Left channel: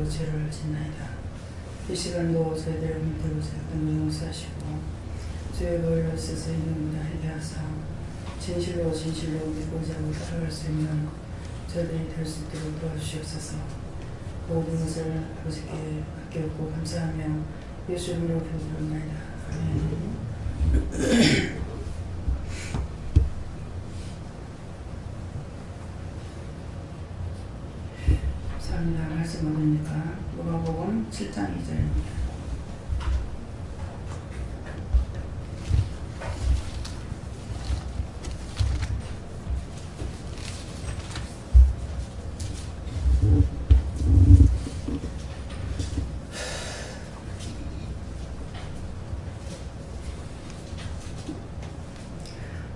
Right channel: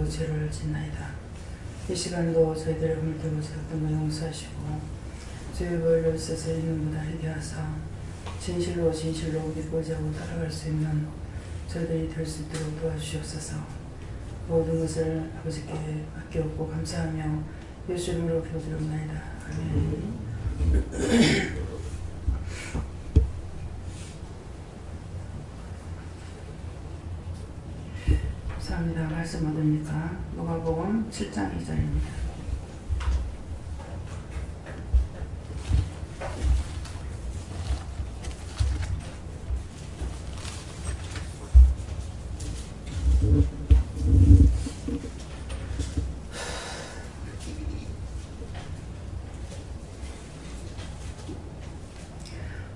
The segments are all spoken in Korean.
이름으로 죄를 짓나이다. 이 시간도 저희들을 믿고 살던 거 용서하시고 주의 보혈로 써서 있는 보다 희게 하사 진실로 믿고자 하고 따라갈 수 있는 저희들이 될 수 있도록 도와주시옵소서. 모든 것을 아버지께 맡겨오고 감사하며 예수 이름으로 기도드립니다. 아멘. 감사합니다. 말씀 얻으니까 누가복음 7장 2절입니다.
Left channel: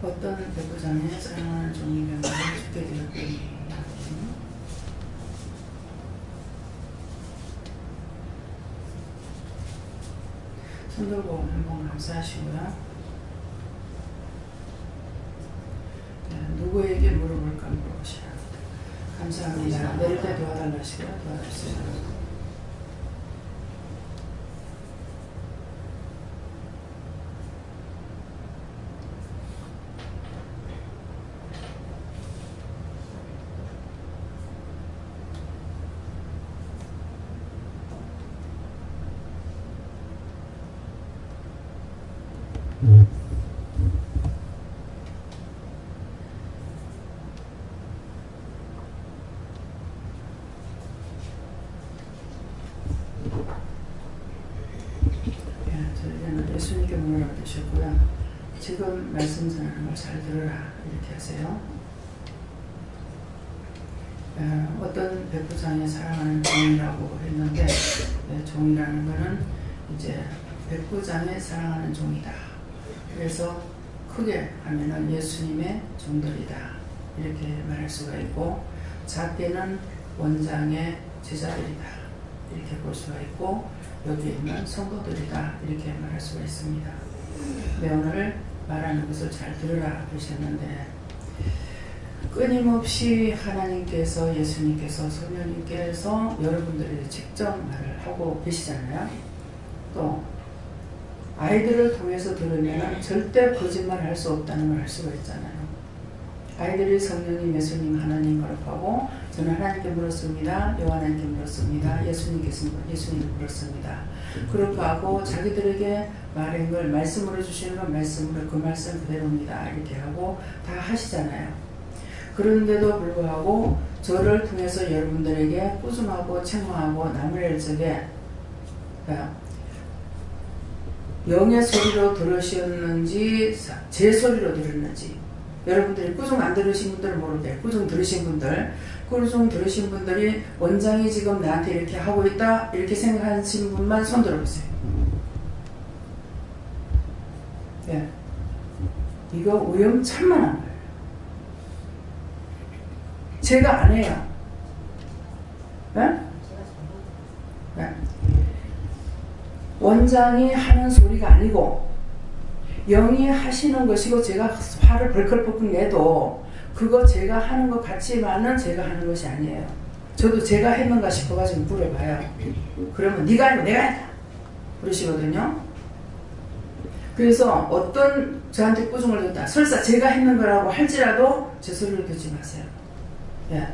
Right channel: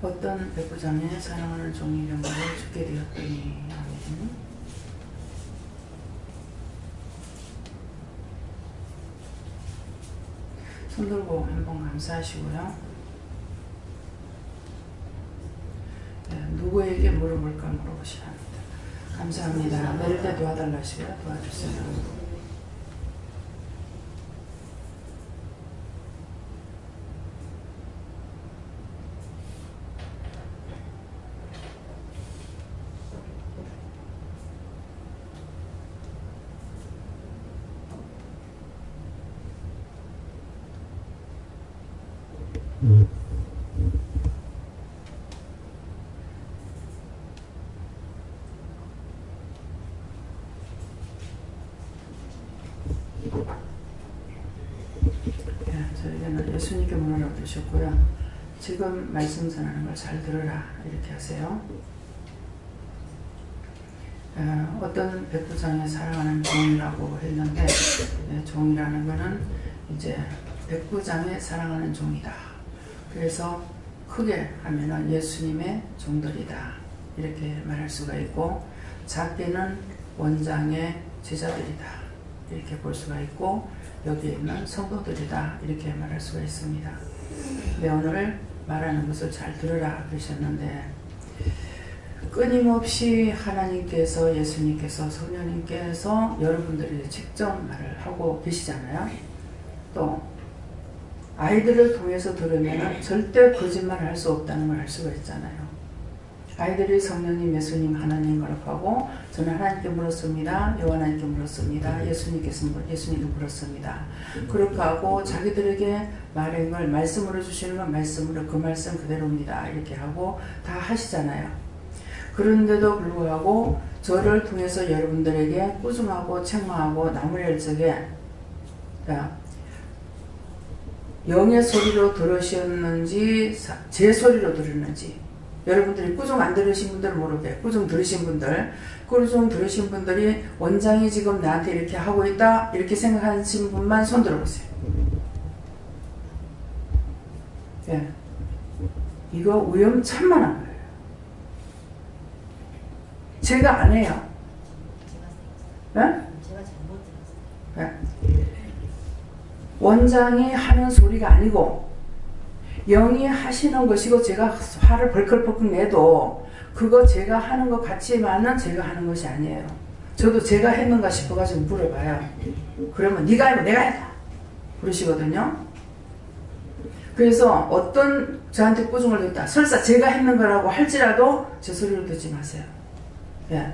어떤 백부장의 사랑하는 종이 명령을 죽게 되었더니 손 들고 한번 감사하시고요. 네, 누구에게 물어볼까 물어보시라 합니다. 감사합니다. 내릴 때 도와달라 하시고요. 도와주세요. 저에게는 예수님께 문을 얻으셨고요. 지금 말씀 전하는 걸 잘 들으라 이렇게 하세요. 어떤 백부장의 사랑하는 종이라고 했는데 종이라는 거는 이제 백부장의 사랑하는 종이다. 그래서 크게 하면은 예수님의 종들이다 이렇게 말할 수가 있고, 작게는 원장의 제자들이다 이렇게 볼 수가 있고, 여기에 있는 성도들이다 이렇게 말할 수가 있습니다. 네, 오늘 말하는 것을 잘 들으라 그러셨는데, 끊임없이 하나님께서, 예수님께서, 성령님께서 여러분들이 직접 말을 하고 계시잖아요. 또 아이들을 통해서 들으면 절대 거짓말을 할 수 없다는 걸 알 수가 있잖아요. 아이들이 성령님, 예수님, 하나님 거룩하고, 저는 하나님께 물었습니다. 여호와 하나님께 물었습니다. 예수님도 물었습니다. 그렇게 하고 자기들에게 말한 걸 말씀으로 주시는 건 말씀으로 그 말씀 그대로입니다. 이렇게 하고 다 하시잖아요. 그런데도 불구하고 저를 통해서 여러분들에게 꾸중하고 책망하고 나무랄 적에 영의 소리로 들으셨는지 제 소리로 들었는지, 여러분들이 꾸중 안 들으신 분들은 모르게 꾸중 들으신 분들이 원장이 지금 나한테 이렇게 하고 있다 이렇게 생각하신 분만 손 들어보세요. 예. 이거 위험천만한 거예요. 제가 안 해요. 예? 예. 원장이 하는 소리가 아니고 영이 하시는 것이고, 제가 화를 벌컥벌컥 내도 그거 제가 하는 것 같지만은 제가 하는 것이 아니에요. 저도 제가 했는가 싶어가지고 물어봐요. 그러면 네가 아니고 내가 했다 그러시거든요. 그래서 어떤 저한테 꾸중을 듣다 설사 제가 했는 거라고 할지라도 제 소리를 듣지 마세요. 예.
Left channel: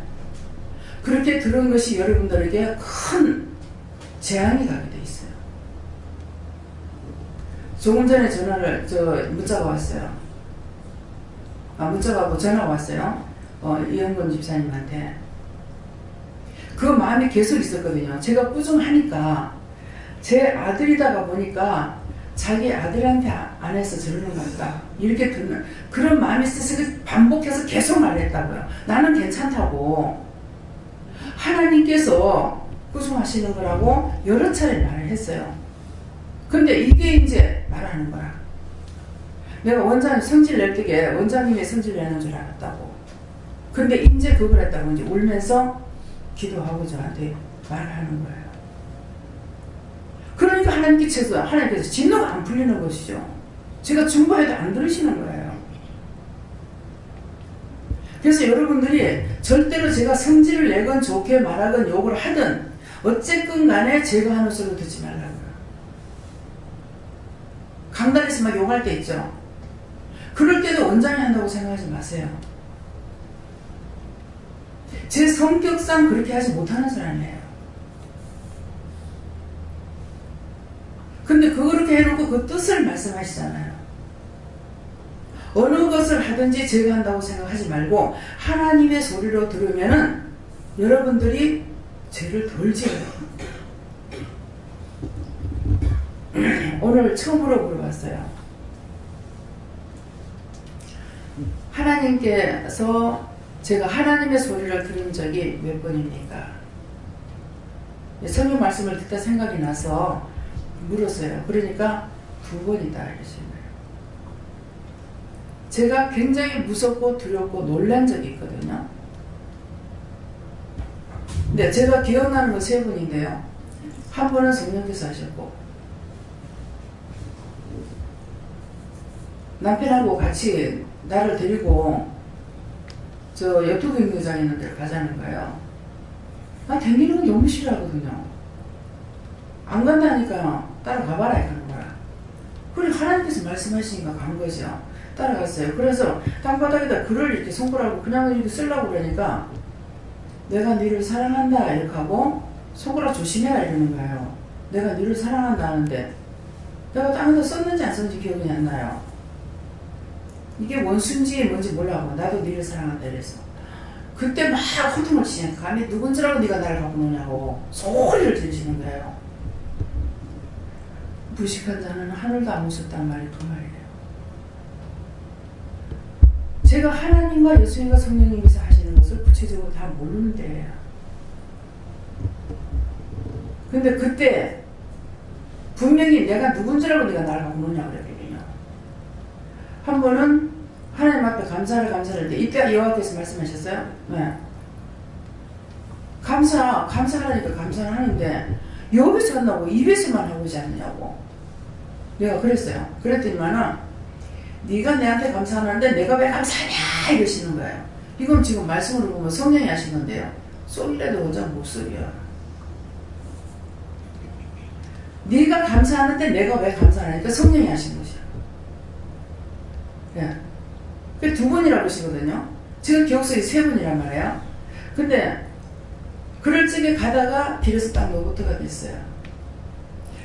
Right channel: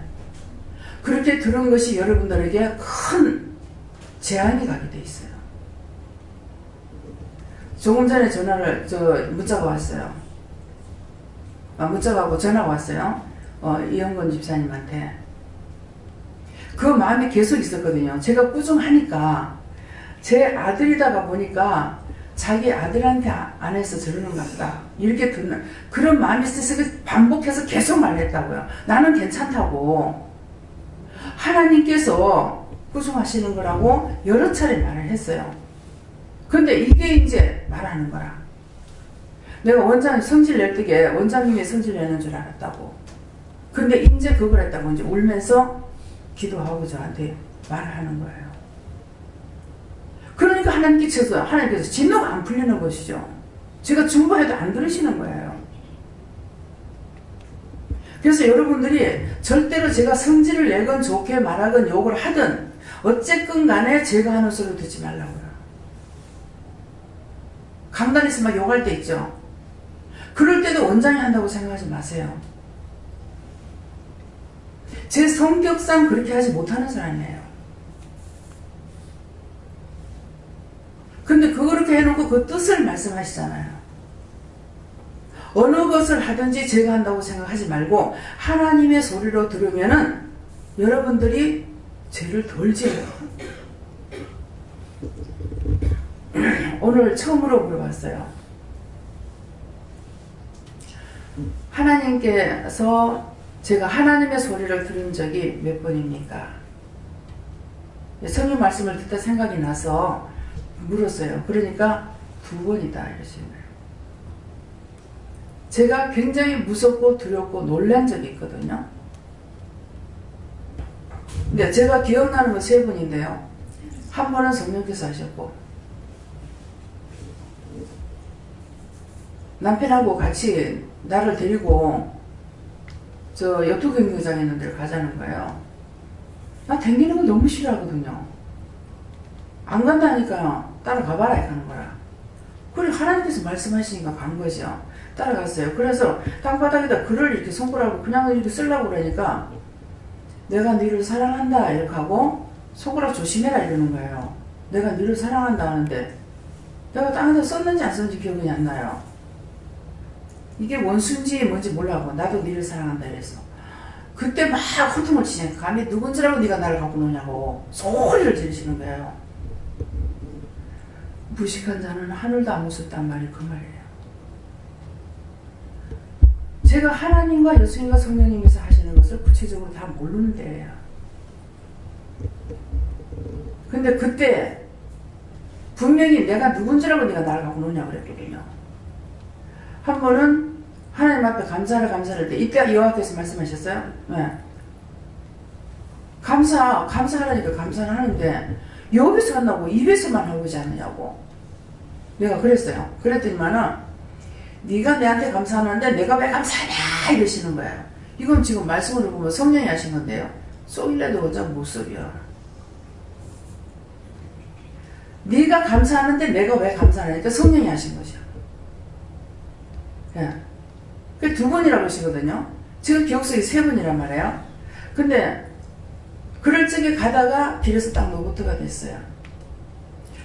그렇게 들은 것이 여러분들에게 큰 재앙이 가게 돼 있어요. 조금 전에 문자가 왔어요. 문자가 오고 전화가 왔어요. 이영건 집사님한테. 그 마음이 계속 있었거든요. 제가 꾸중하니까 제 아들이다가 보니까 자기 아들한테 안 해서 저러는 것 같다 이렇게 듣는 그런 마음이 있어서 반복해서 계속 말했다고요. 나는 괜찮다고, 하나님께서 꾸중하시는 거라고 여러 차례 말을 했어요. 근데 이게 이제 말하는 거야. 내가 원장님 성질 낼 때게 원장님이 성질 내는 줄 알았다고. 근데 이제 그걸 했다고 이제 울면서 기도하고 저한테 말하는 거예요. 그러니까 하나님께서 진노가 안 풀리는 것이죠. 제가 중보해도 안 들으시는 거예요. 그래서 여러분들이 절대로 제가 성질을 내건 좋게 말하건 욕을 하든 어쨌든 간에 제가 하는 소리 듣지 말라고요. 강단에서 막 욕할 때 있죠. 그럴 때도 원장이 한다고 생각하지 마세요. 제 성격상 그렇게 하지 못하는 사람이에요. 근데 그렇게 해놓고 그 뜻을 말씀하시잖아요. 어느 것을 하든지 제가 한다고 생각하지 말고 하나님의 소리로 들으면은 여러분들이 죄를 덜 지어요. 오늘 처음으로 물어봤어요. 하나님께서 제가 하나님의 소리를 들은 적이 몇 번입니까? 성경 말씀을 듣다 생각이 나서 물었어요. 그러니까 2번이다 이러시는 거예요. 제가 굉장히 무섭고 두렵고 놀란 적이 있거든요. 근데 제가 기억나는 건 3번인데요. 한 번은 성령께서 하셨고 남편하고 같이 나를 데리고 저 여투 경기장 있는 데를 가자는 거예요. 나 댕기는 거 너무 싫어하거든요. 안 간다니까 따라가봐라 하는 거라. 그래 하나님께서 말씀하시니까 간 거죠. 따라갔어요. 그래서 땅바닥에다 글을 이렇게 손가락으로 그냥 이렇게 쓰려고 그러니까 내가 너를 사랑한다 이렇게 하고 손가락 조심해라 이러는 거예요. 내가 너를 사랑한다 하는데 내가 땅에다 썼는지 안 썼는지 기억이 안 나요. 이게 원수인지 뭔지 몰라고 나도 너를 사랑한다 이래서 그때 막 호통을 치니까 감히 누군 줄 알고 네가 나를 갖고 노냐고 소리를 지르시는 거예요. 무식한 자는 하늘도 안 무섭단 말이 그 말이에요. 제가 하나님과 예수님과 성령님께서 하시는 것을 구체적으로 다 모르는데 근데 그때 분명히 내가 누군 줄 알고 네가 나를 갖고 노냐고 그랬거든요. 한 번은 하나님 앞에 감사를 할 때 이때 여호와께서 말씀하셨어요. 네. 감사하라니까 감사를 하는데 여기서 한다고 입에서만 하고 있지 않느냐고 내가 그랬어요. 그랬더니만은 네가 내한테 감사하는데 내가 왜 감사하냐 이러시는 거예요. 이건 지금 말씀으로 보면 성령이 하신 건데요. 쏘일래도 원장 못 쏘려. 네가 감사하는데 내가 왜 감사하냐니까 성령이 하신 것이야. 예. 그 2번이라고 하시거든요. 지금 기억 속에 3번이란 말이에요. 근데 그럴 적에 가다가 길에서 딱 노버트가 됐어요.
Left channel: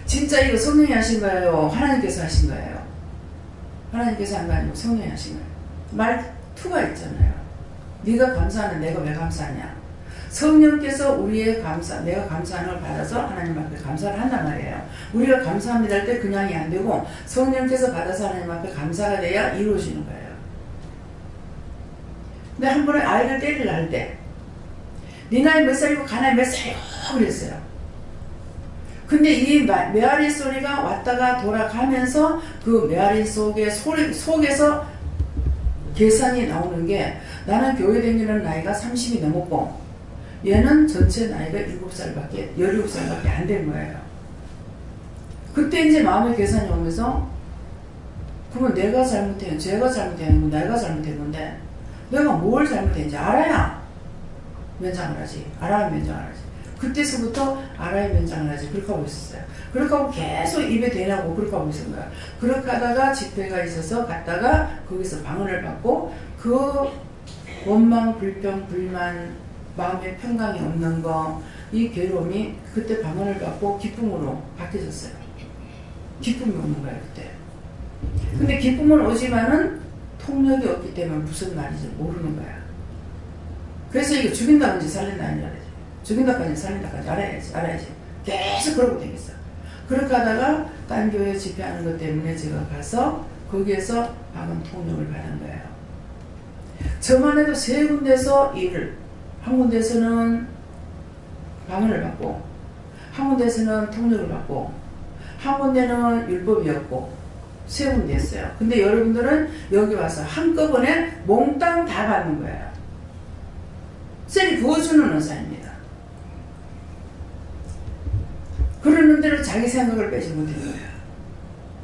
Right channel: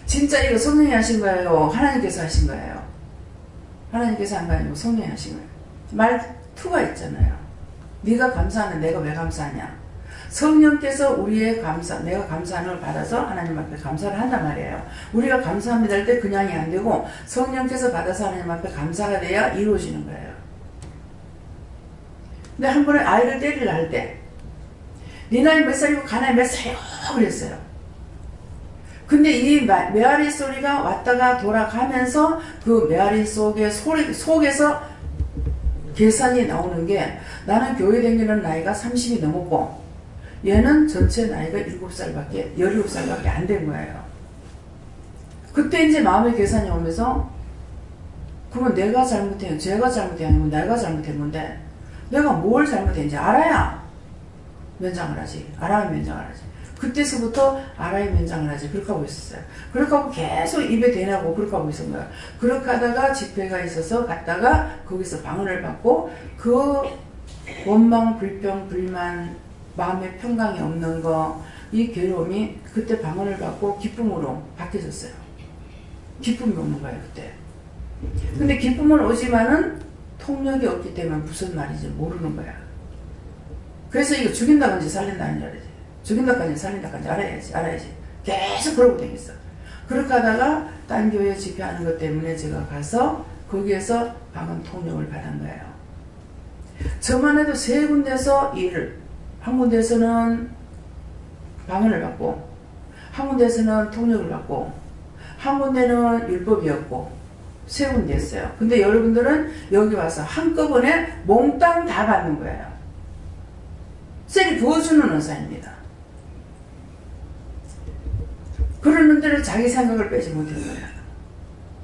진짜 이거 성령이 하신 거예요? 하나님께서 하신 거예요? 하나님께서 한 거 아니고 성령이 하신 거예요. 말투가 있잖아요. 네가 감사하는 내가 왜 감사하냐. 성령께서 우리의 내가 감사하는 걸 받아서 하나님 앞에 감사를 한단 말이에요. 우리가 감사합니다 할 때 그냥이 안 되고 성령께서 받아서 하나님 앞에 감사가 돼야 이루어지는 거예요. 근데 한 번에 아이를 때리려 할 때 네 나이 몇 살이고 가나이 몇 살이요? 그랬어요. 근데 이 메아리 소리가 왔다가 돌아가면서 그 메아리 속에서 계산이 나오는 게 나는 교회 다니는 나이가 30이 넘었고 얘는 전체 나이가 17살밖에 안 된 거예요. 그때 이제 마음의 계산이 오면서 그러면 내가 잘못한 제가 잘못한 아니면 내가 잘못한 건데 내가 뭘 잘못했는지 알아야 면장을 하지. 알아야 면장을 하지. 그때서부터 알아야 면장을 하지. 그렇게 하고 있었어요. 그렇게 하고 계속 입에 대나고 그렇게 하고 있었던 거예요. 그렇게 하다가 집회가 있어서 갔다가 거기서 방언을 받고 그 원망, 불평, 불만, 마음의 평강이 없는 거, 이 괴로움이 그때 방언을 받고 기쁨으로 바뀌어졌어요. 기쁨이 오는 거예요, 그때. 근데 기쁨은 오지만은 통력이 없기 때문에 무슨 말인지 모르는 거야. 그래서 이거 죽인다든지 살린다든지 알아야지. 죽인다든지 살린다든지 알아야지. 계속 그러고 되겠어. 그렇게 하다가 딴 교회 집회하는 것 때문에 제가 가서 거기에서 방언 통력을 받은 거예요. 저만 해도 3군데서 일을, 한 군데에서는 방언을 받고, 한 군데에서는 통력을 받고, 한 군데는 율법이었고, 3군데였어요. 근데 여러분들은 여기 와서 한꺼번에 몽땅 다 받는 거예요. 셀이 부어주는 은사입니다. 그러는 대로 자기 생각을 빼지 못한 거예요.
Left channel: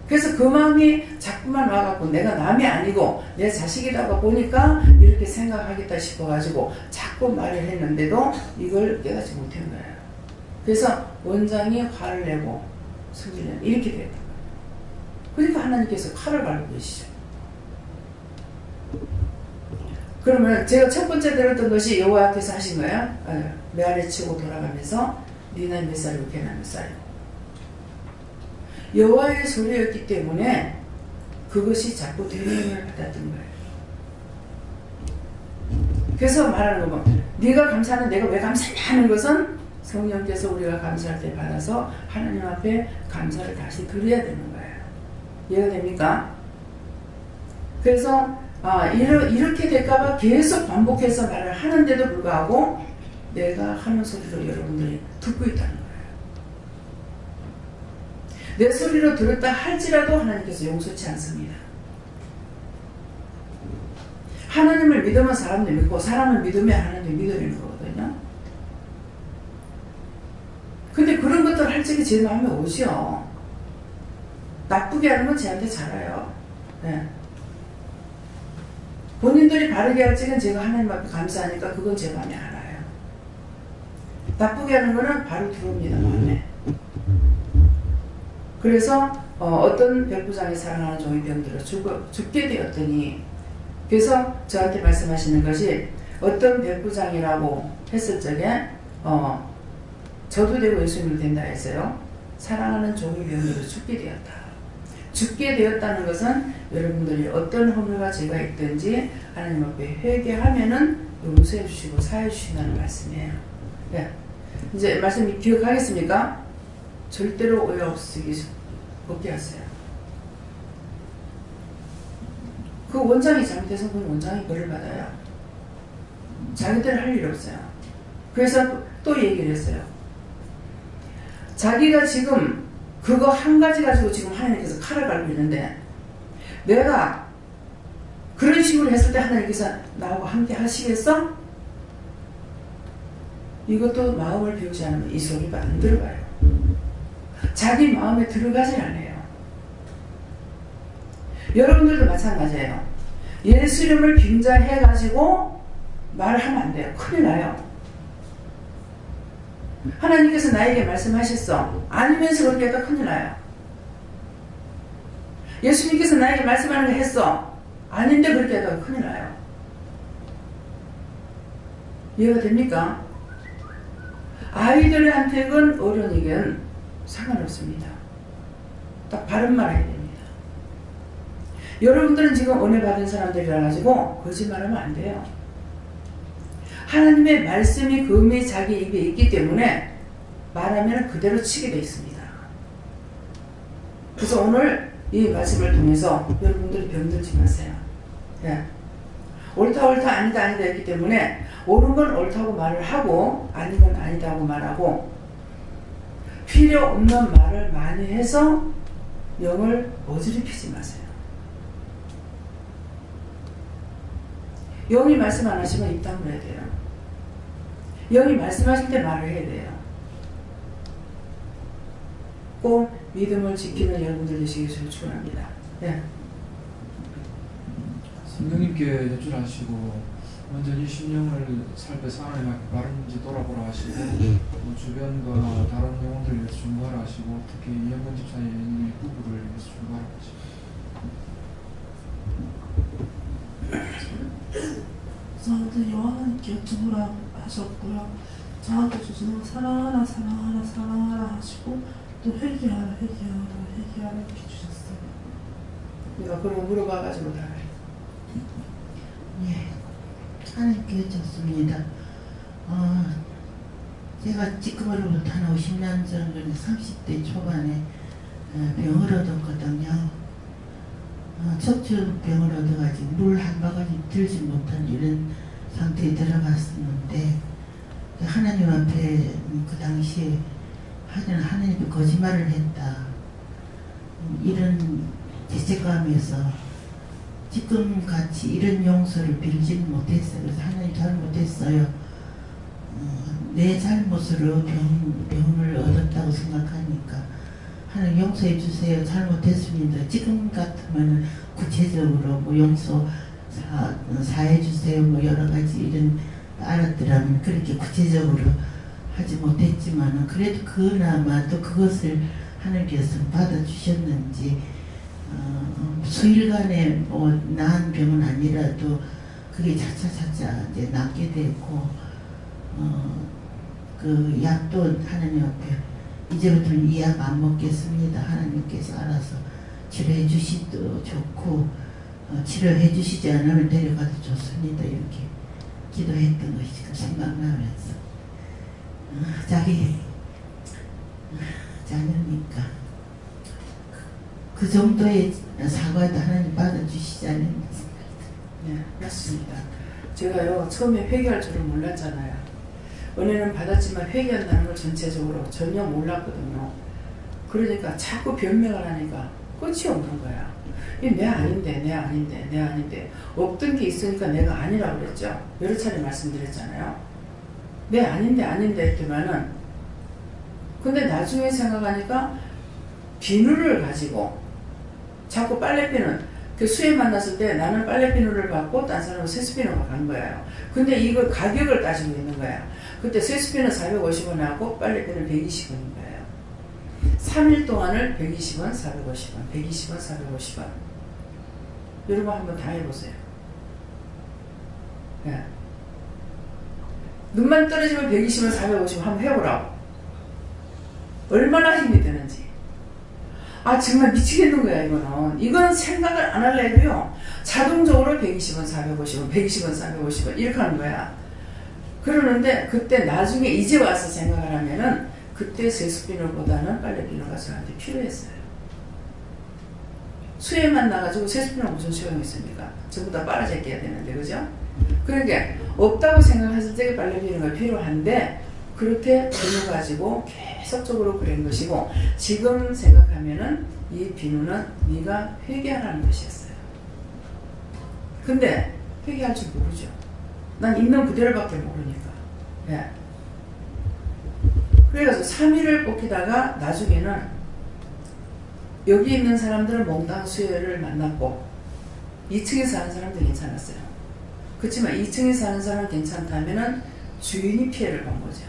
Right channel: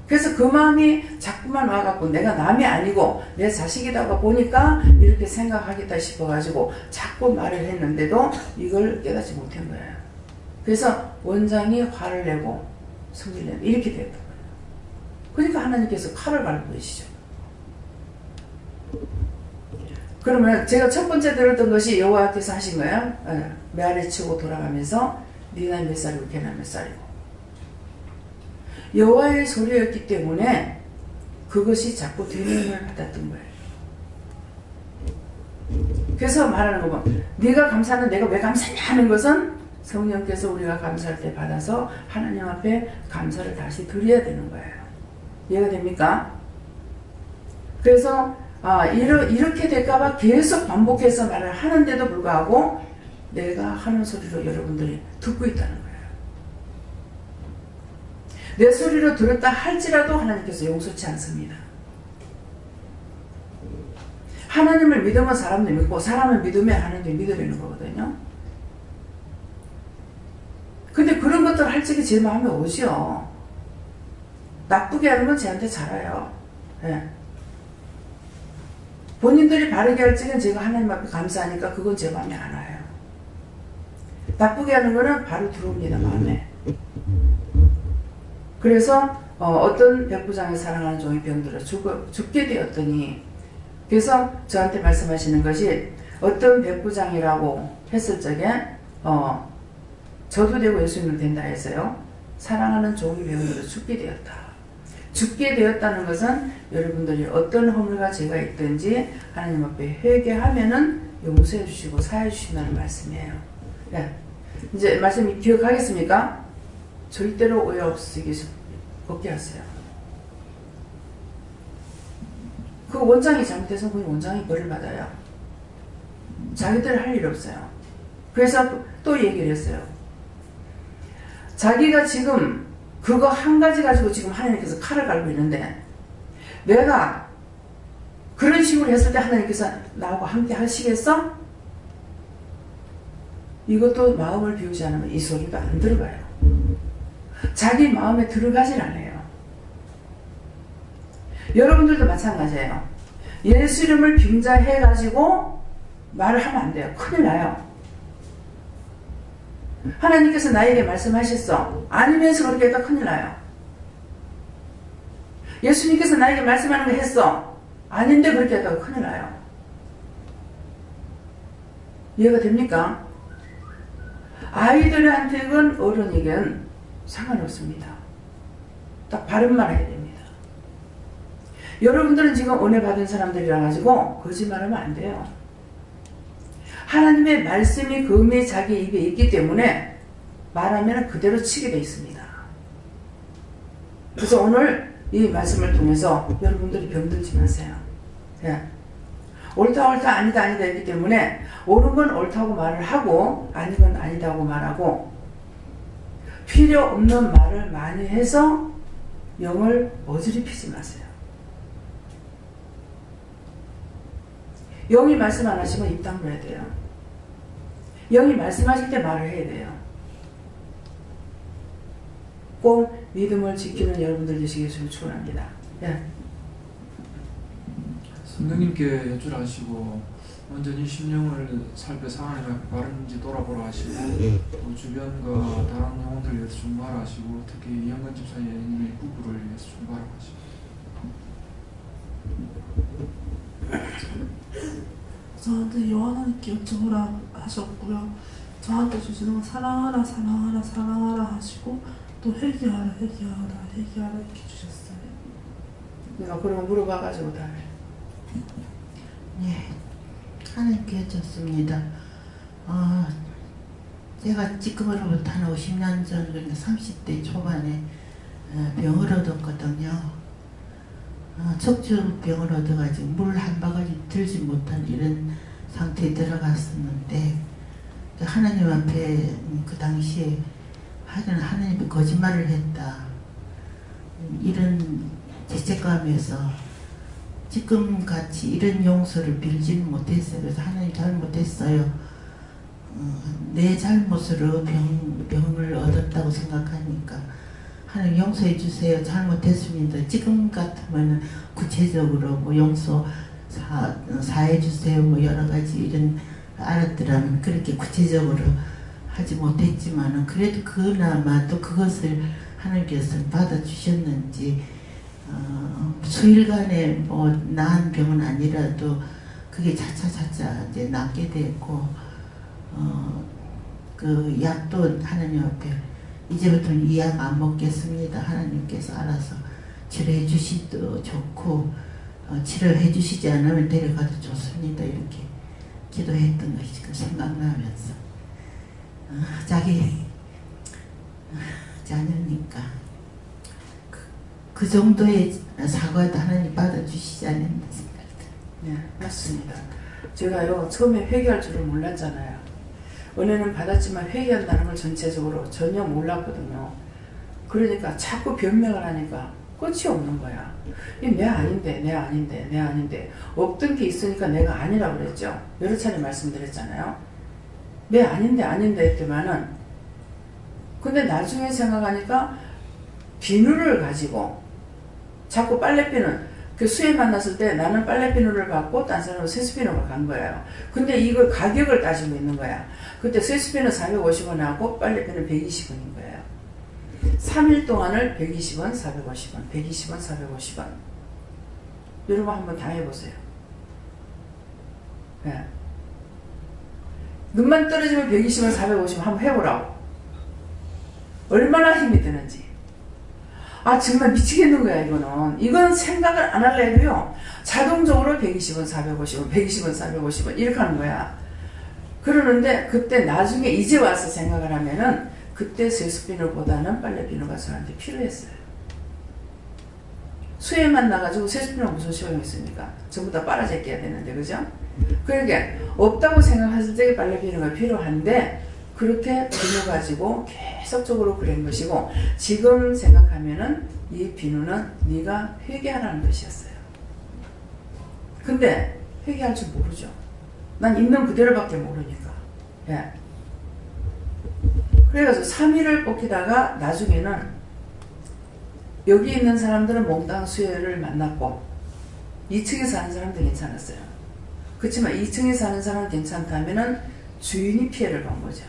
그래서 그 마음이 자꾸만 와갖고 내가 남이 아니고 내 자식이다 보니까 이렇게 생각하겠다 싶어가지고 자꾸 말을 했는데도 이걸 깨닫지 못한 거예요. 그래서 원장이 화를 내고 성질 내고 이렇게 됐다. 그러니까 하나님께서 칼을 갈고 계시죠. 그러면 제가 첫 번째 들었던 것이 여호와께서 하신 거예요. 메아리 치고 돌아가면서 네 나이 몇 살이고 걔 나이 몇 살이고. 여호와의 소리였기 때문에 그것이 자꾸 대명을 받았던 거예요. 그래서 말하는 거 뭐, 네가 감사하는 내가 왜 감사하냐 하는 것은 성령께서 우리가 감사할 때 받아서 하나님 앞에 감사를 다시 드려야 되는 거예요. 이해가 됩니까? 그래서 이렇게 될까봐 계속 반복해서 말을 하는데도 불구하고 내가 하는 소리로 여러분들이 듣고 있다는 거예요. 내 소리로 들었다 할지라도 하나님께서 용서치 않습니다. 하나님을 믿으면 사람도 믿고 사람을 믿으면 하나님을 믿으려는 거거든요. 근데 그런 것들 할 적이 제 마음에 오죠. 나쁘게 하는 건 쟤한테 잘해요. 네. 본인들이 바르게 할 적은 제가 하나님 앞에 감사하니까 그건 제 마음에 안 와요. 나쁘게 하는 거는 바로 들어옵니다, 마음에. 그래서 어떤 백부장이 사랑하는 종이 병들어 죽게 되었더니, 그래서 저한테 말씀하시는 것이 어떤 백부장이라고 했을 적에 저도 되고 예수님도 된다 했어요. 사랑하는 종이 병들어 죽게 되었다. 죽게 되었다는 것은 여러분들이 어떤 허물과 죄가 있든지 하나님 앞에 회개하면은 용서해 주시고 사해 주신다는 말씀이에요. 네. 이제 말씀 기억하겠습니까? 절대로 오해 없으시기 없게 하세요. 그 원장이 잘못해서 그 원장이 벌을 받아요. 자기들 할 일 없어요. 그래서 또 얘기를 했어요. 자기가 지금 그거 한 가지 가지고 지금 하나님께서 칼을 갈고 있는데 내가 그런 식으로 했을 때 하나님께서 나하고 함께 하시겠어? 이것도 마음을 비우지 않으면 이 소리가 안 들어가요. 자기 마음에 들어가질 않아요. 여러분들도 마찬가지예요. 예수 이름을 빙자해가지고 말을 하면 안 돼요. 큰일 나요. 하나님께서 나에게 말씀하셨어. 아니면서 그렇게 했다 큰일 나요. 예수님께서 나에게 말씀하는 거 했어. 아닌데 그렇게 했다가 큰일 나요. 이해가 됩니까? 아이들한테건 어른이건 상관없습니다. 딱 바른말 해야 됩니다. 여러분들은 지금 은혜 받은 사람들이라 가지고 거짓말하면 안 돼요. 하나님의 말씀이 금이 자기 입에 있기 때문에 말하면 그대로 치게 돼 있습니다. 그래서 오늘 이 말씀을 통해서 여러분들이 병들지 마세요. 예. 옳다 아니다 했기 때문에 옳은 건 옳다고 말을 하고 아닌 건 아니다고 말하고 필요 없는 말을 많이 해서 영을 어지럽히지 마세요. 영이 말씀 안 하시면 입 다물어야 돼요. 영이 말씀하실 때 말을 해야 돼요. 꼭 믿음을 지키는 여러분들 되시길 축원합니다. 예. 성령님께 여쭈하시고 완전히 심령을 살펴서 하나님 앞에 바른지 돌아보라 하시고 또 주변과 다른 영혼들 위해서 중보하라 하시고 특히 이영근 집사의 부부를 위해서 중보하라 하시고 저한테 요한하나님께 여쭤보라 하셨고요. 저한테 주시는 건 사랑하라 하시고 또 회개하라 이렇게 주셨어요. 내가 그런 거 물어봐가지고 다 네, 하나님께 여쭙습니다. 제가 지금으로부터 한 50년 전, 30대 초반에 병을 얻었거든요. 척추병을 얻어가지고 물 한 바가지 들지 못한 이런 상태에 들어갔었는데 하나님 앞에 그 당시에 하나님이 거짓말을 했다 이런 죄책감에서 지금같이 이런 용서를 빌지는 못했어요. 그래서 하나님 잘못했어요. 내 잘못으로 병을 얻었다고 생각하니까 하나님 용서해 주세요. 잘못했습니다. 지금 같으면 구체적으로 뭐 용서 사해 주세요. 뭐 여러 가지 이런 알았더라면 그렇게 구체적으로 하지 못했지만은 그래도 그나마 또 그것을 하나님께서 받아주셨는지 수일간에 뭐 나은 병은 아니라도 그게 차차차차 이제 낫게 됐고 그 약도 하나님 앞에 이제부터는 이 약 안 먹겠습니다. 하나님께서 알아서 치료해 주시도 좋고 치료해 주시지 않으면 데려가도 좋습니다. 이렇게 기도했던 것이 지금 생각나면서 자기 자녀니까 그 정도의 사과도 하나님 받아주시지 않는 생각이 듭니다. 네, 맞습니다. 제가요 처음에 회개할 줄을 몰랐잖아요. 은혜는 받았지만 회개한다는 걸 전체적으로 전혀 몰랐거든요. 그러니까 자꾸 변명을 하니까 끝이 없는 거야. 이 내 아닌데, 내 아닌데, 내 아닌데. 없던 게 있으니까 내가 아니라고 그랬죠. 여러 차례 말씀드렸잖아요. 내 아닌데, 아닌데 했더만은 근데 나중에 생각하니까 비누를 가지고 자꾸 빨래비누 그 수에 만났을 때 나는 빨래비누를 받고 딴 사람은 세수비누가 간 거예요. 근데 이걸 가격을 따지고 있는 거야. 그때 세수비누 450원 하고 빨래비누 120원인 거예요. 3일 동안을 120원, 450원, 120원, 450원. 여러분 한번 다 해보세요. 네. 눈만 떨어지면 120원, 450원 한번 해보라고. 얼마나 힘이 드는지. 아 정말 미치겠는 거야 이거는. 이건 생각을 안 할래 해도요. 자동적으로 120원, 450원, 120원, 450원 이렇게 하는 거야. 그러는데 그때 나중에 이제 와서 생각을 하면은 그때 세수비누보다는 빨래비누가 저한테 필요했어요. 수혜만 나가지고 세수비누가 무슨 소용이 있습니까? 전부 다 빨아제껴야 되는데 그죠? 그러니까 없다고 생각했을 때 빨래비누가 필요한데 그렇게 비누 가지고 계속적으로 그런 것이고 지금 생각하면은 이 비누는 네가 회개하라는 뜻이었어요. 근데 회개할 줄 모르죠. 난 있는 그대로밖에 모르니까. 예. 그래가지고 3일을 뽑히다가 나중에는 여기 있는 사람들은 몽땅 수혜를 만났고 2층에 사는 사람도 괜찮았어요. 그렇지만 2층에 사는 사람은 괜찮다면은 주인이 피해를 본 거죠.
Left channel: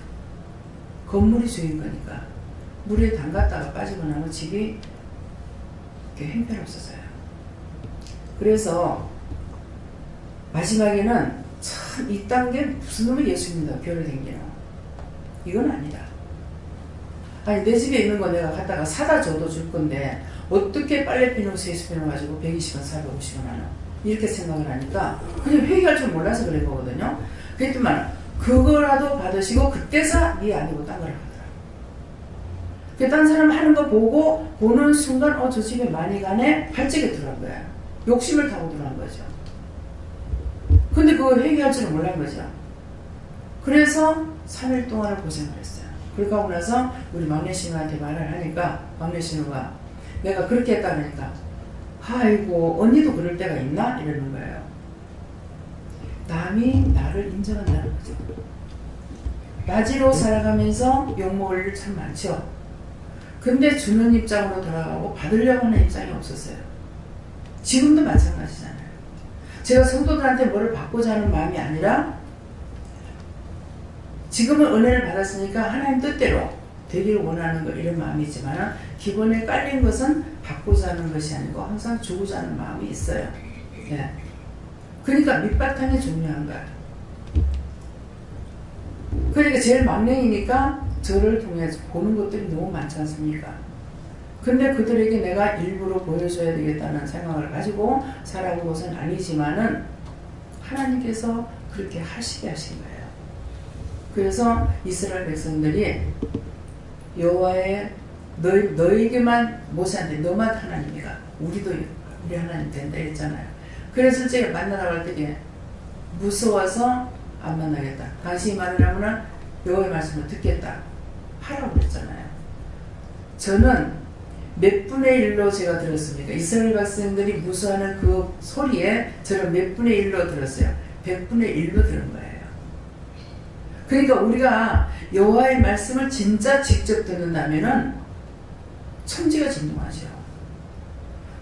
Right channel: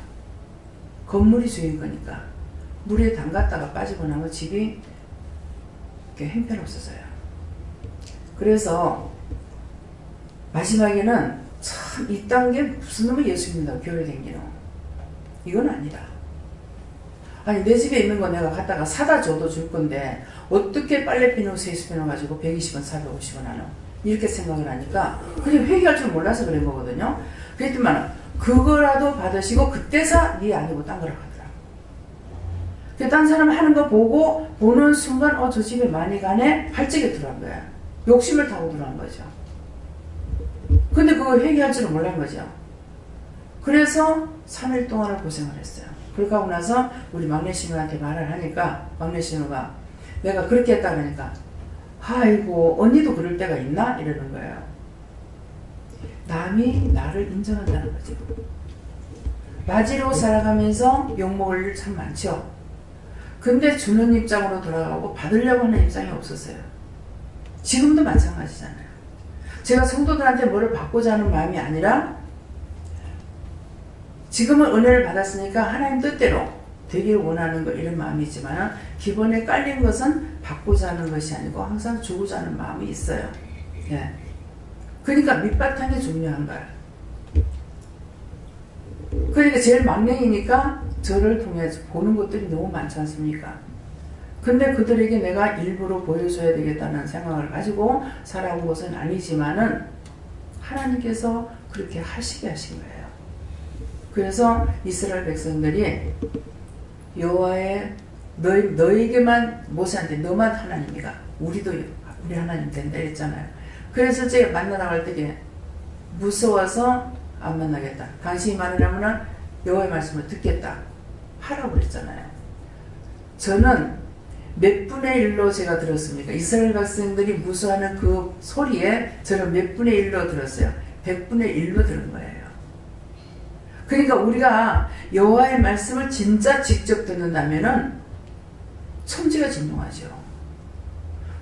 건물이 주인 거니까 물에 담갔다가 빠지고 나면 집이 이렇게 형편없어서요. 그래서 마지막에는 참 이딴 게 무슨 놈의 예수님이다 교회 댕기노 이건 아니다. 아니 내 집에 있는 거 내가 갖다가 사다 줘도 줄 건데 어떻게 빨래비누 세수비누 가지고 120원 450원 하노 이렇게 생각을 하니까 그냥 회개할 줄 몰라서 그런 거거든요. 그랬더만 그거라도 받으시고 그때서 네 아니고 딴 거라고 하더라고. 딴 사람 하는 거 보고 보는 순간 저 집에 많이 가네 발작이 들어간 거야. 욕심을 타고 들어간 거죠. 근데 그거 회개할 줄은 몰란 거죠. 그래서 3일 동안을 고생을 했어요. 그렇게 하고 나서 우리 막내 신우한테 말을 하니까 막내 신우가 내가 그렇게 했다 그러니까 아이고 언니도 그럴 때가 있나? 이러는 거예요. 남이 나를 인정한다는 거죠. 야지로 살아가면서 욕먹을 일 참 많죠. 근데 주는 입장으로 돌아가고 받으려고 하는 입장이 없었어요. 지금도 마찬가지잖아요. 제가 성도들한테 뭐를 받고자 하는 마음이 아니라 지금은 은혜를 받았으니까 하나님 뜻대로 되기를 원하는 것 이런 마음이 있지만 기본에 깔린 것은 받고자 하는 것이 아니고 항상 주고자 하는 마음이 있어요. 예. 그러니까 밑바탕이 중요한 거야. 그러니까 제일 막내이니까 저를 통해서 보는 것들이 너무 많지 않습니까? 근데 그들에게 내가 일부러 보여줘야 되겠다는 생각을 가지고 살아온 것은 아니지만은 하나님께서 그렇게 하시게 하신 거예요. 그래서 이스라엘 백성들이 여호와의 너에게만 모세한테 너만 하나님이가 우리 하나님 된다 했잖아요. 그래서 제가 만나라고 할 때 무서워서 안 만나겠다. 당신이 말하려면 여호와의 말씀을 듣겠다. 하라고 그랬잖아요. 저는 몇 분의 1로 제가 들었습니까? 이스라엘 백성들이 무서워하는 그 소리에 저는 몇 분의 1로 들었어요. 100분의 1로 들은 거예요. 그러니까 우리가 여호와의 말씀을 진짜 직접 듣는다면은 천지가 진동하죠.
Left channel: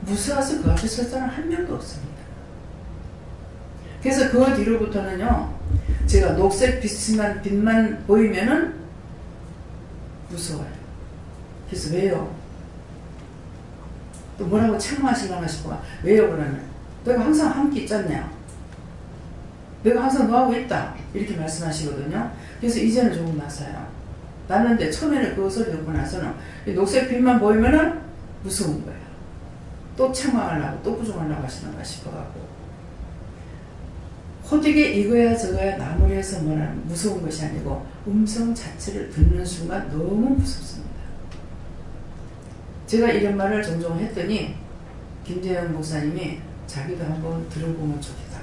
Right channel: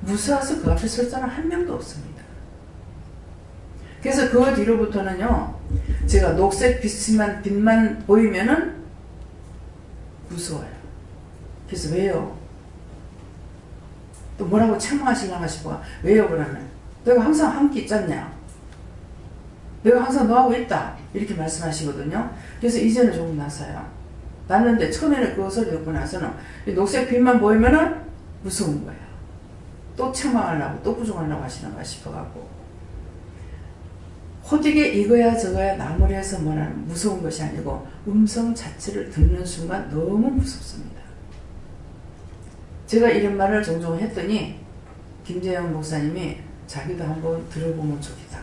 무서워서 그 앞에 설 사람 한 명도 없습니다. 그래서 그 뒤로부터는요, 제가 녹색 빛만 보이면은 무서워요. 그래서 왜요? 또 뭐라고 책망하시려나 싶어. 왜요 그러면? 내가 항상 함께 있잖냐. 내가 항상 너하고 있다. 이렇게 말씀하시거든요. 그래서 이제는 조금 나서요. 났는데 처음에는 그 소리 듣고 나서는 녹색 빛만 보이면은 무서운 거예요. 또 책망하려고 또 부정하려고 하시는가 싶어갖고 호되게 이거야 저거야 나무리해서 뭐라 무서운 것이 아니고 음성 자체를 듣는 순간 너무 무섭습니다. 제가 이런 말을 종종 했더니 김재영 목사님이 자기도 한번 들어보면 좋겠다.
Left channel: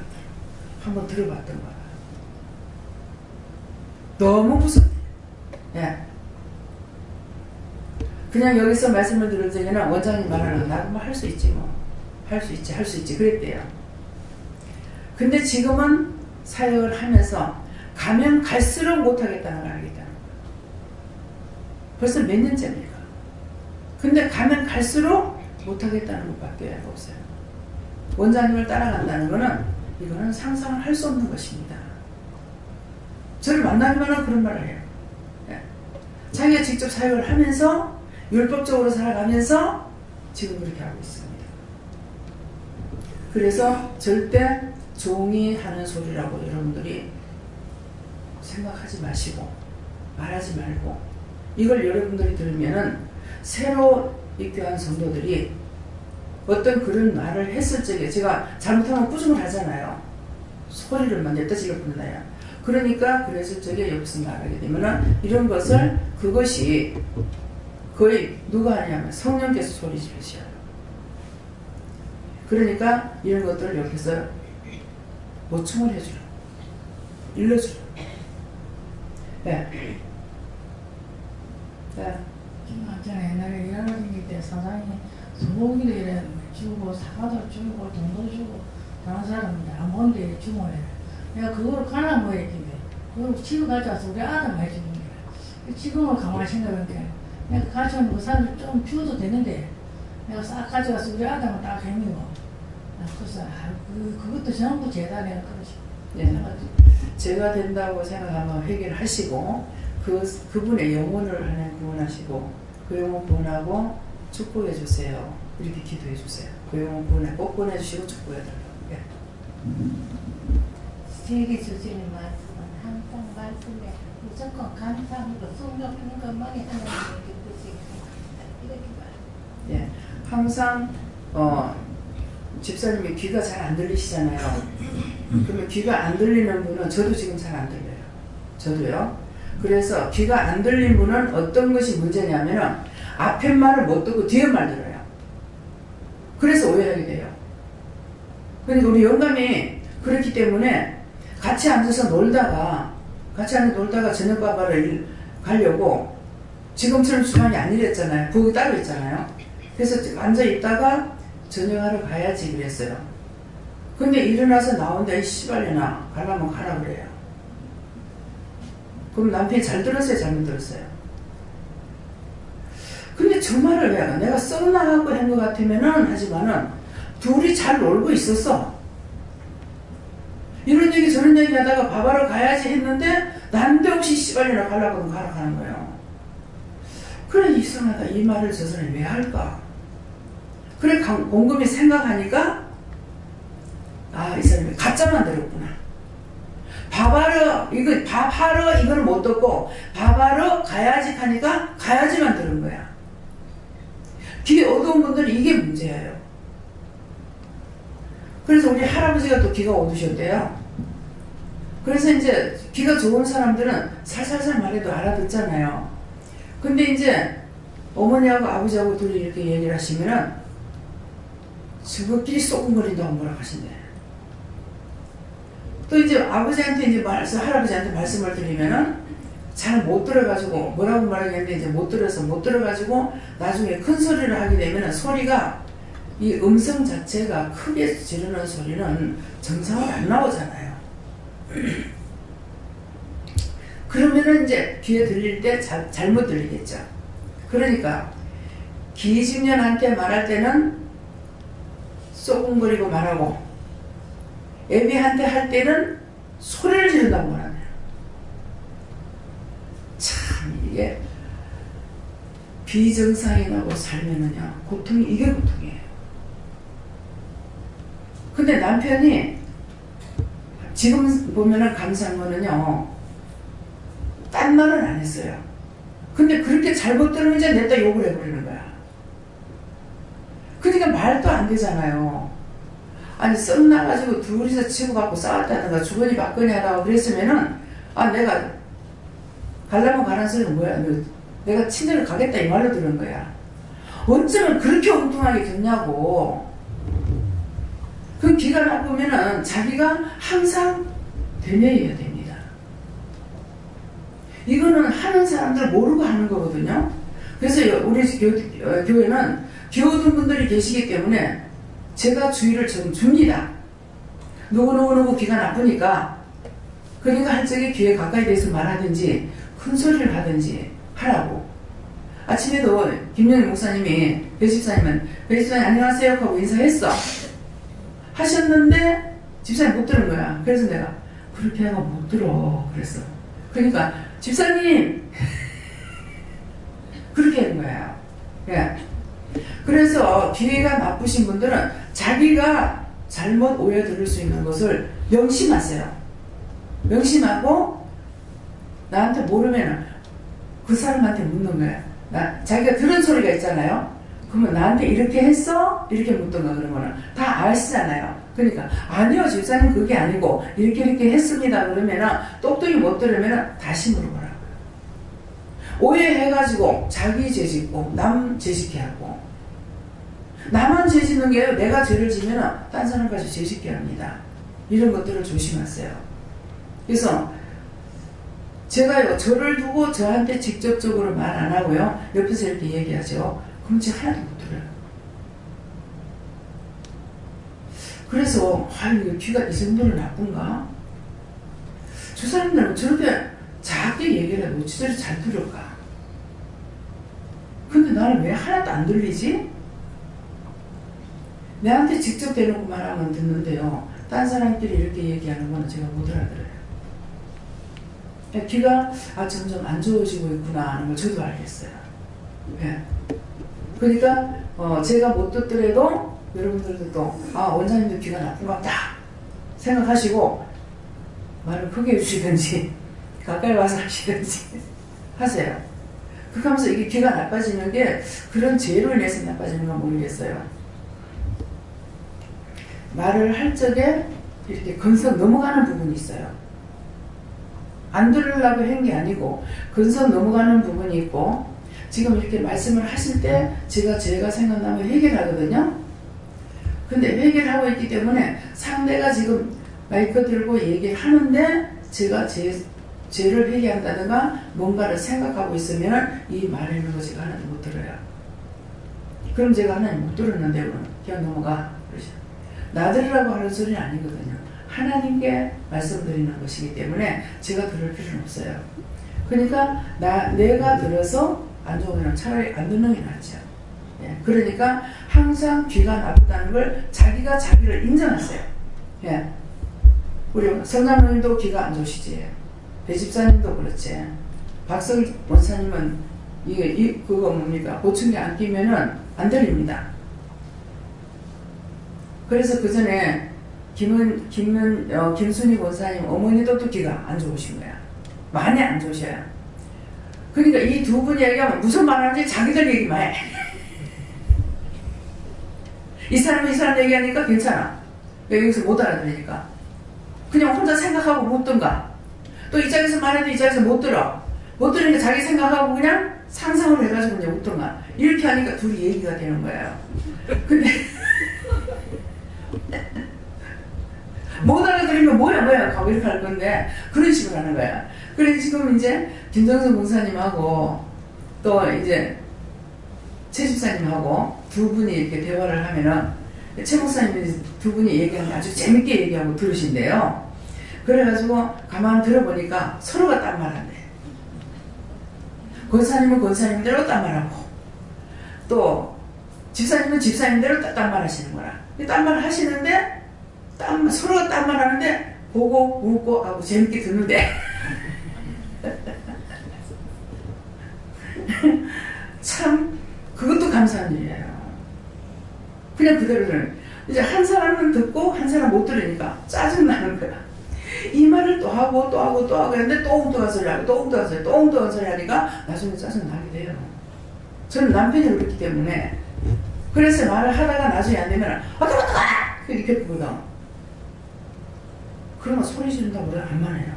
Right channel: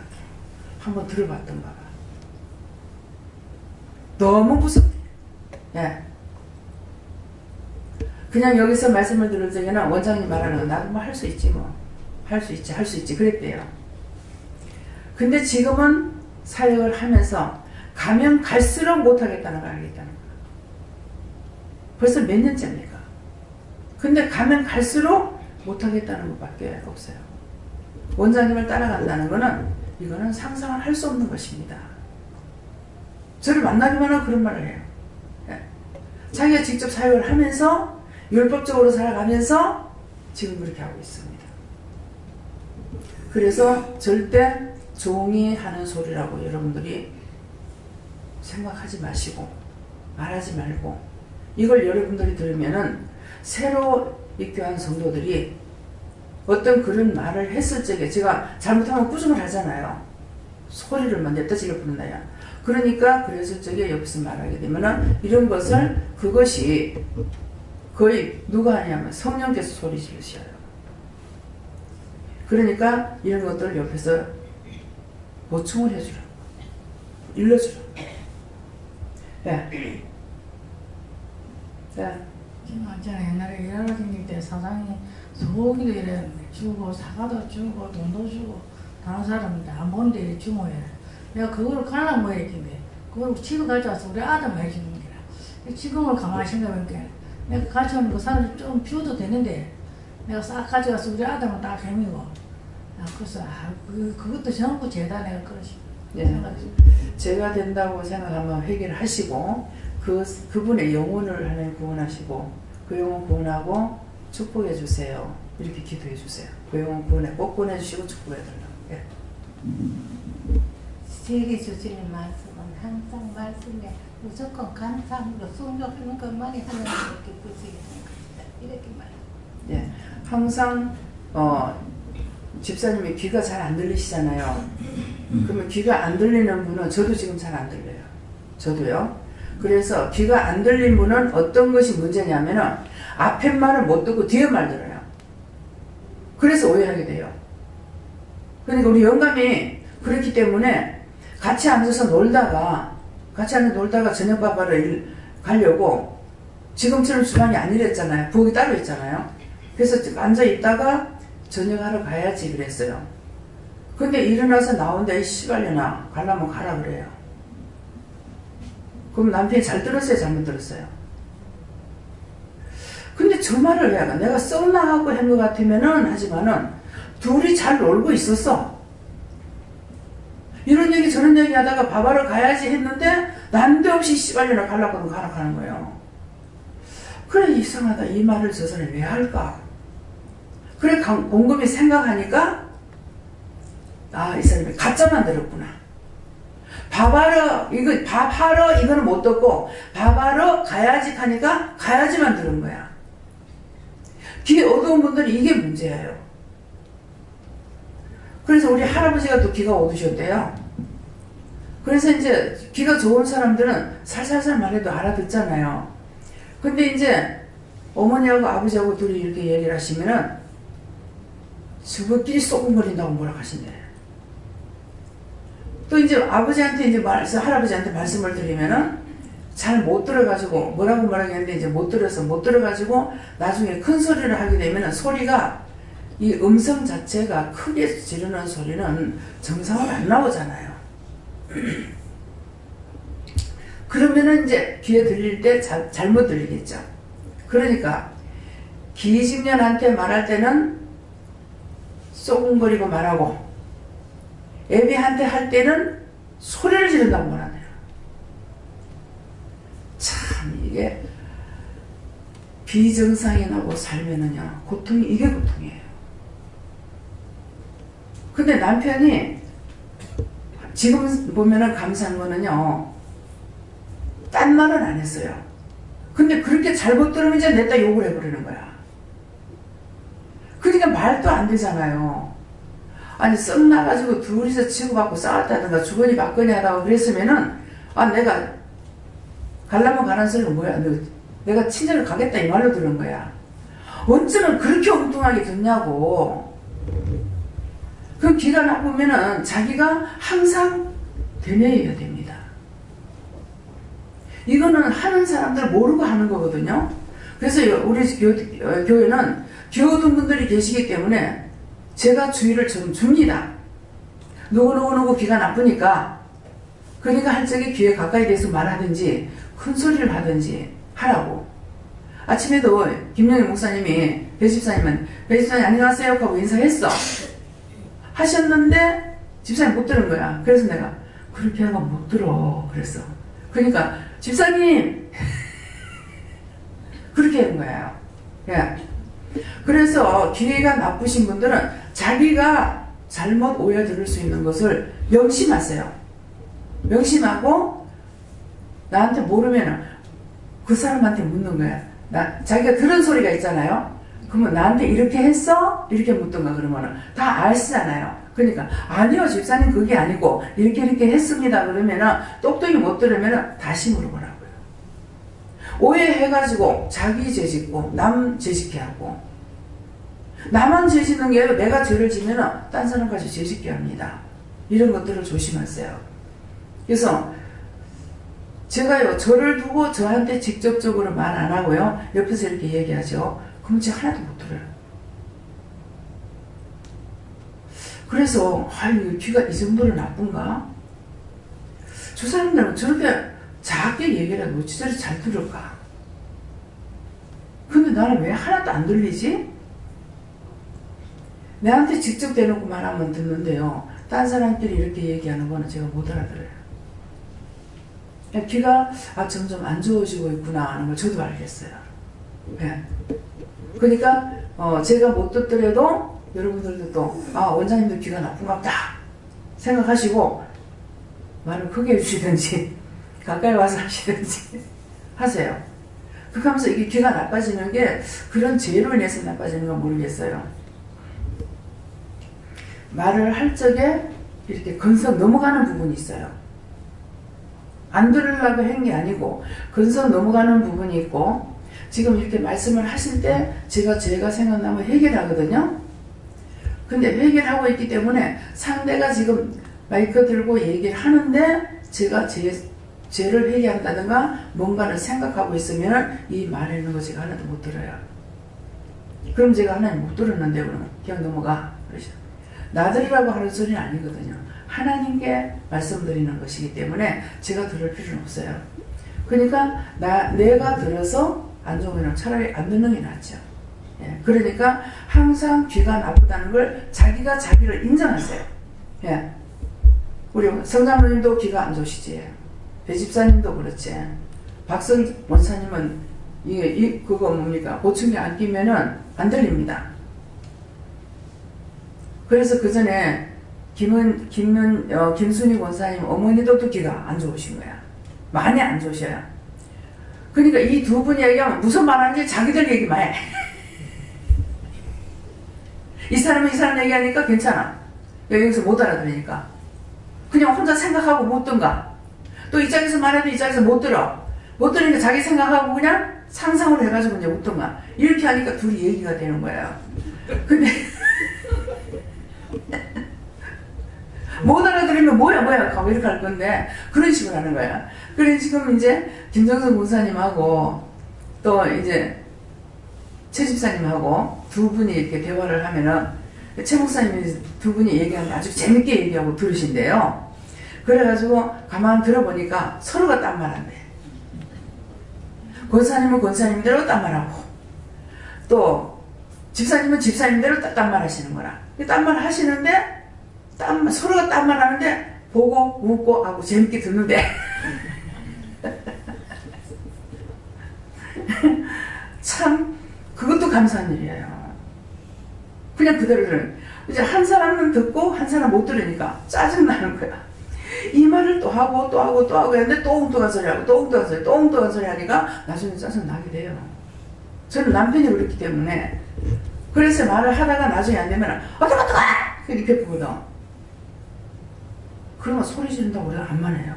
한번 들어봤던가 봐. 너무 무섭. 예. 그냥 여기서 말씀을 들을 적에는 원장님 말하는 거 나도 뭐 할 수 있지 뭐. 할 수 있지 그랬대요. 근데 지금은 사역을 하면서 가면 갈수록 못하겠다는 걸 알겠다는 거예요. 벌써 몇 년째입니까? 근데 가면 갈수록 못하겠다는 것밖에 없어요. 원장님을 따라간다는 거는 이거는 상상을 할 수 없는 것입니다. 저를 만나기만 하면 그런 말을 해요. 예. 자기가 직접 사역을 하면서 율법적으로 살아가면서 지금 그렇게 하고 있습니다. 그래서 절대 종이 하는 소리라고 여러분들이 생각하지 마시고 말하지 말고 이걸 여러분들이 들으면은 새로 입교한 성도들이 어떤 그런 말을 했을 적에 제가 잘못하면 꾸중을 하잖아요. 소리를 막 냅다 질러 부른다야. 그러니까 그랬을 적에 옆에서 말하게 되면은 이런 것을 그것이 거의 누가 하냐면 성령께서 소리 지르셔요. 그러니까 이런 것들을 옆에서 보충을 해주라. 일러주라. 네. 네. 제가 옛날에 여러분일 때 사장이 소고기도 이래 주고 사과도 주고 돈도 주고 다른 사람들 안 보는데 이래 주모야. 내가 그거를 갈라 뭐 했길래 그걸 집에 가져와서 우리 아들 해주는 거야. 지금은 가만히 생각해보니까 내가 가져오는 그 사람들 좀 주어도 되는데 내가 싹 가져와서 우리 아들만 딱 해미고 그래서 그것도 전부 죄다 내가 그러시. 네. 제가 된다고 생각하면 회개를 하시고 그분의 영혼을 하나님 구원하시고 그 영혼 구원하고 축복해 주세요. 이렇게 기도해 주세요. 그 영혼 구원에 꼭 보내주시고 축복해 달라고. 예. 세계 주시는 말씀은 항상 말씀에 무조건 감사함으로 숨겨주는 것만이 하나님께 드리게 됩니다. 이렇게 말합니다. 예. 항상 집사님이 귀가 잘 안 들리시잖아요. 그러면 귀가 안 들리는 분은 저도 지금 잘 안 들려요. 저도요. 그래서 귀가 안 들린 분은 어떤 것이 문제냐면은 앞에 말을 못 듣고 뒤에 말 들어요. 그래서 오해하게 돼요. 그러니까 우리 영감이 그렇기 때문에 같이 앉아서 놀다가 저녁밥 하러 가려고 지금처럼 주방이 아니랬잖아요. 부엌이 따로 있잖아요. 그래서 앉아 있다가 저녁하러 가야지 그랬어요. 근데 일어나서 나온다 이 씨발려나 가려면 가라 그래요. 그럼 남편이 잘 들었어요? 잘못 들었어요? 근데 저 말을 왜 하나? 내가 썩나하고 한 것 같으면은 하지만은 둘이 잘 놀고 있었어. 이런 얘기 저런 얘기 하다가 밥하러 가야지 했는데 난데없이 씨발려나 가려고 하면 가라 가는 거예요. 그래 이상하다. 이 말을 저 사람이 왜 할까? 그래 곰곰이 생각하니까 이 사람이 가짜 만들었구나. 밥하러 이거는 못 듣고 밥하러 가야지 하니까 가야지만 들은 거야. 귀 어두운 분들은 이게 문제예요. 그래서 우리 할아버지가 또 귀가 어두우셨대요. 그래서 이제 귀가 좋은 사람들은 살살살 말해도 알아듣잖아요. 근데 이제 어머니하고 아버지하고 둘이 이렇게 얘기를 하시면은 저것끼리 쏘금거린다고 뭐라 하신대. 또 이제 아버지한테 이제 할아버지한테 말씀을 드리면은 잘 못 들어가지고 뭐라고 말하겠는데 이제 못 들어가지고 나중에 큰 소리를 하게 되면은 소리가 이 음성 자체가 크게 지르는 소리는 정상으로 안 나오잖아요. 그러면은 이제 귀에 들릴 때 잘못 들리겠죠. 그러니까 기집년한테 말할 때는 쏘금거리고 말하고 애비한테 할 때는 소리를 지른다고 말하네요. 참 이게 비정상인하고 살면은요, 고통이 이게 고통이에요. 근데 남편이 지금 보면은 감사한 거는요, 딴 말은 안 했어요. 근데 그렇게 잘못 들으면 이제 냈다 욕을 해버리는 거야. 그러니까 말도 안 되잖아요. 아니 썩 나가지고 둘이서 치고받고 싸웠다든가 주거니 받거니 하다가 그랬으면은 내가 가려면 가라는 소리는 뭐야, 내가 친정을 가겠다 이 말로 들은 거야. 어쩌면 그렇게 엉뚱하게 듣냐고. 그 기가 나쁘면은 자기가 항상 되뇌어야 됩니다. 이거는 하는 사람들 모르고 하는 거거든요. 그래서 우리 교회는 기호등 분들이 계시기 때문에 제가 주의를 좀 줍니다. 누구 귀가 나쁘니까, 그러니까 할 적에 귀에 가까이 대서 말하든지 큰 소리를 하든지 하라고. 아침에도 김영희 목사님이 배집사님 안녕하세요 하고 인사했어. 하셨는데 집사님 못 들은 거야. 그래서 내가 그렇게 하면 못 들어 그랬어. 그러니까 집사님 그렇게 한 거예요. 예. 그래서 귀가 나쁘신 분들은 자기가 잘못 오해 들을 수 있는 것을 명심하세요. 명심하고 나한테 모르면 그 사람한테 묻는 거야. 자기가 들은 소리가 있잖아요. 그러면 나한테 이렇게 했어? 이렇게 묻던가 그러면은 다 아시잖아요. 그러니까 아니요 집사님 그게 아니고 이렇게 했습니다 그러면은 똑똑히 못 들으면은 다시 물어보라고요. 오해해가지고 자기 죄짓고 남 죄짓게 하고, 나만 죄짓는 게 내가 죄를 지면은 딴 사람까지 죄짓게 합니다. 이런 것들을 조심하세요. 그래서 제가요 저를 두고 저한테 직접적으로 말 안 하고요 옆에서 이렇게 얘기하죠. 그럼 제가 하나도 못 들어요. 그래서 아유 귀가 이 정도로 나쁜가? 저 사람들은 저렇게 작게 얘기를 해도 어찌 저리 잘 들을까? 근데 나는 왜 하나도 안 들리지? 내한테 직접 대놓고 말하면 듣는데요. 딴 사람끼리 이렇게 얘기하는 거는 제가 못 알아들어요. 귀가 점점 안 좋아지고 있구나 하는 걸 저도 알겠어요. 예. 그러니까 제가 못 듣더라도 여러분들도 또 원장님도 귀가 나쁜가 보다 생각하시고 말을 크게 해주시든지 가까이 와서 하시든지 하세요. 그렇게 하면서 이게 귀가 나빠지는 게 그런 죄로 인해서 나빠지는 건 모르겠어요. 말을 할 적에 이렇게 건성 넘어가는 부분이 있어요. 안 들으려고 한 게 아니고 건성 넘어가는 부분이 있고, 지금 이렇게 말씀을 하실 때 제가 생각나면 해결하거든요. 근데 회개를 하고 있기 때문에 상대가 지금 마이크 들고 얘기를 하는데 제가 죄를 회개한다든가 뭔가를 생각하고 있으면 이 말하는 거 제가 하나도 못 들어요. 그럼 제가 하나님 못 들었는데 그러면 그냥 넘어가 그러죠. 나 들으라고 하는 소리는 아니거든요. 하나님께 말씀드리는 것이기 때문에 제가 들을 필요는 없어요. 그러니까 내가 들어서 안 좋으면 차라리 안 듣는 게 낫죠. 예, 그러니까 항상 귀가 나쁘다는 걸 자기가 자기를 인정하세요. 예, 우리 성장로님도 귀가 안 좋으시지. 배집사님도 그렇지. 박성 원사님은 그거 뭡니까? 보청기 안 끼면은 안 들립니다. 그래서 그 전에 김순희 원사님 어머니도 또 귀가 안 좋으신 거야. 많이 안 좋으셔요. 그러니까 이 두 분 얘기하면 무슨 말하는지 자기들 얘기만 해. 이 사람 얘기하니까 괜찮아. 여기서 못 알아들으니까. 그냥 혼자 생각하고 묻든가. 또 이 짝에서 말해도 이 짝에서 못 들어. 못 들으니까 자기 생각하고 그냥 상상을 해가지고 이제 묻든가. 이렇게 하니까 둘이 얘기가 되는 거예요. 근데 못 알아들으면 뭐야 하고 이렇게 할 건데 그런 식으로 하는 거야. 그래 지금 이제 김정선 목사님하고 또 이제 최 집사님하고 두 분이 이렇게 대화를 하면은 최 목사님이 두 분이 얘기하면 아주 재밌게 얘기하고 들으신대요. 그래가지고 가만 들어보니까 서로가 딴 말한대. 권사님은 권사님대로 딴 말하고 또 집사님은 집사님대로 딴 말 하시는 거라. 딴 말 하시는데 서로가 딴 말 하는데 보고 웃고 하고 재밌게 듣는데 참 그것도 감사한 일이에요. 그냥 그대로 들으면 이제 한 사람은 듣고 한 사람 못 들으니까 짜증나는 거야. 이 말을 또 하고 또 하고 또 하고 했는데 또 엉뚱한 소리 하고 또 엉뚱한 소리 또 엉뚱한 소리 하니까 나중에 짜증나게 돼요. 저는 남편이 그렇기 때문에 그래서 말을 하다가 나중에 안 되면 어떡하 이렇게 부거든. 그러면 소리 지른다고 내가 안 만해요.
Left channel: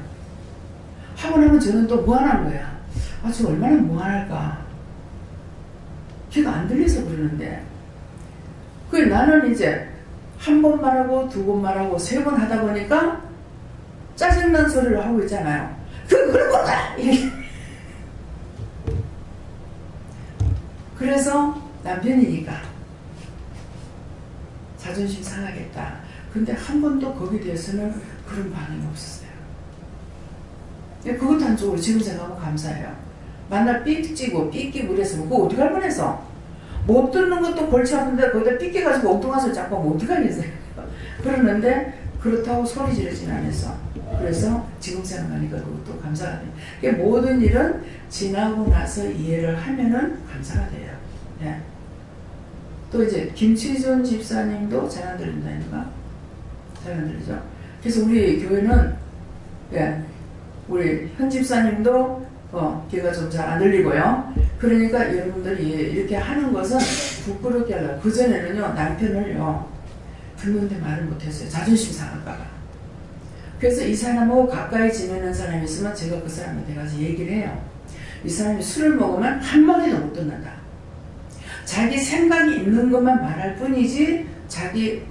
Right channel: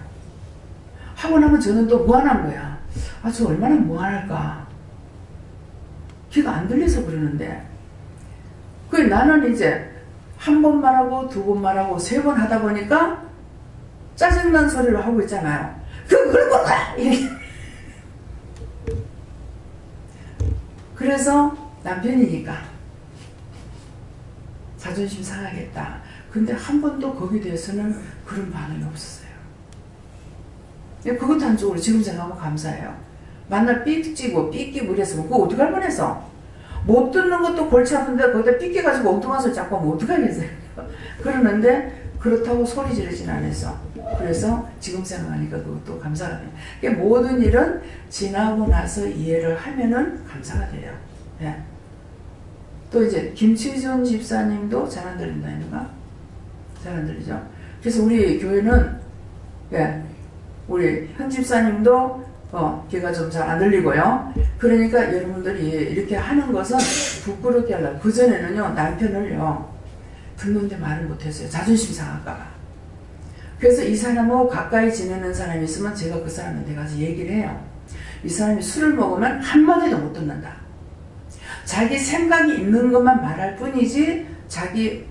하고 나면 저는 또 무안한 거야. 아, 저 얼마나 무안할까. 귀가 안 들려서 그러는데. 그 나는 이제 한 번 말하고 두 번 말하고 세 번 하다 보니까 짜증난 소리를 하고 있잖아요. 그런 거야! 그래서 남편이니까 자존심 상하겠다. 근데 한 번도 거기에 대해서는 그런 반응이 없었어요. 그것도 한쪽으로 지금 생각하면 감사해요. 만날 삐지고 삐끼고 그랬으면 그거 어떻게 할 뻔해서 못 듣는 것도 골치 아픈데 거기다 삐끼가지고 엉뚱한 소리 자꾸 하면 어떡하겠어요. 그러는데 그렇다고 소리 지르진 않았어. 그래서 지금 생각하니까 그것도 감사가 돼요. 그러니까 모든 일은 지나고 나서 이해를 하면은 감사가 돼요. 예. 또 이제 김치준 집사님도 잘 안 들린다니까? 잘 안 들리죠? 그래서 우리 교회는 예, 우리 현 집사님도 귀가 좀 잘 안 들리고요. 그러니까 여러분들이 이렇게 하는 것은 부끄럽게 하려고. 그전에는요 남편을요 듣는데 말을 못했어요. 자존심 상할까봐. 그래서 이 사람하고 가까이 지내는 사람이 있으면 제가 그 사람한테 가서 얘기를 해요. 이 사람이 술을 먹으면 한마디도 못 듣는다. 자기 생각이 있는 것만 말할 뿐이지 자기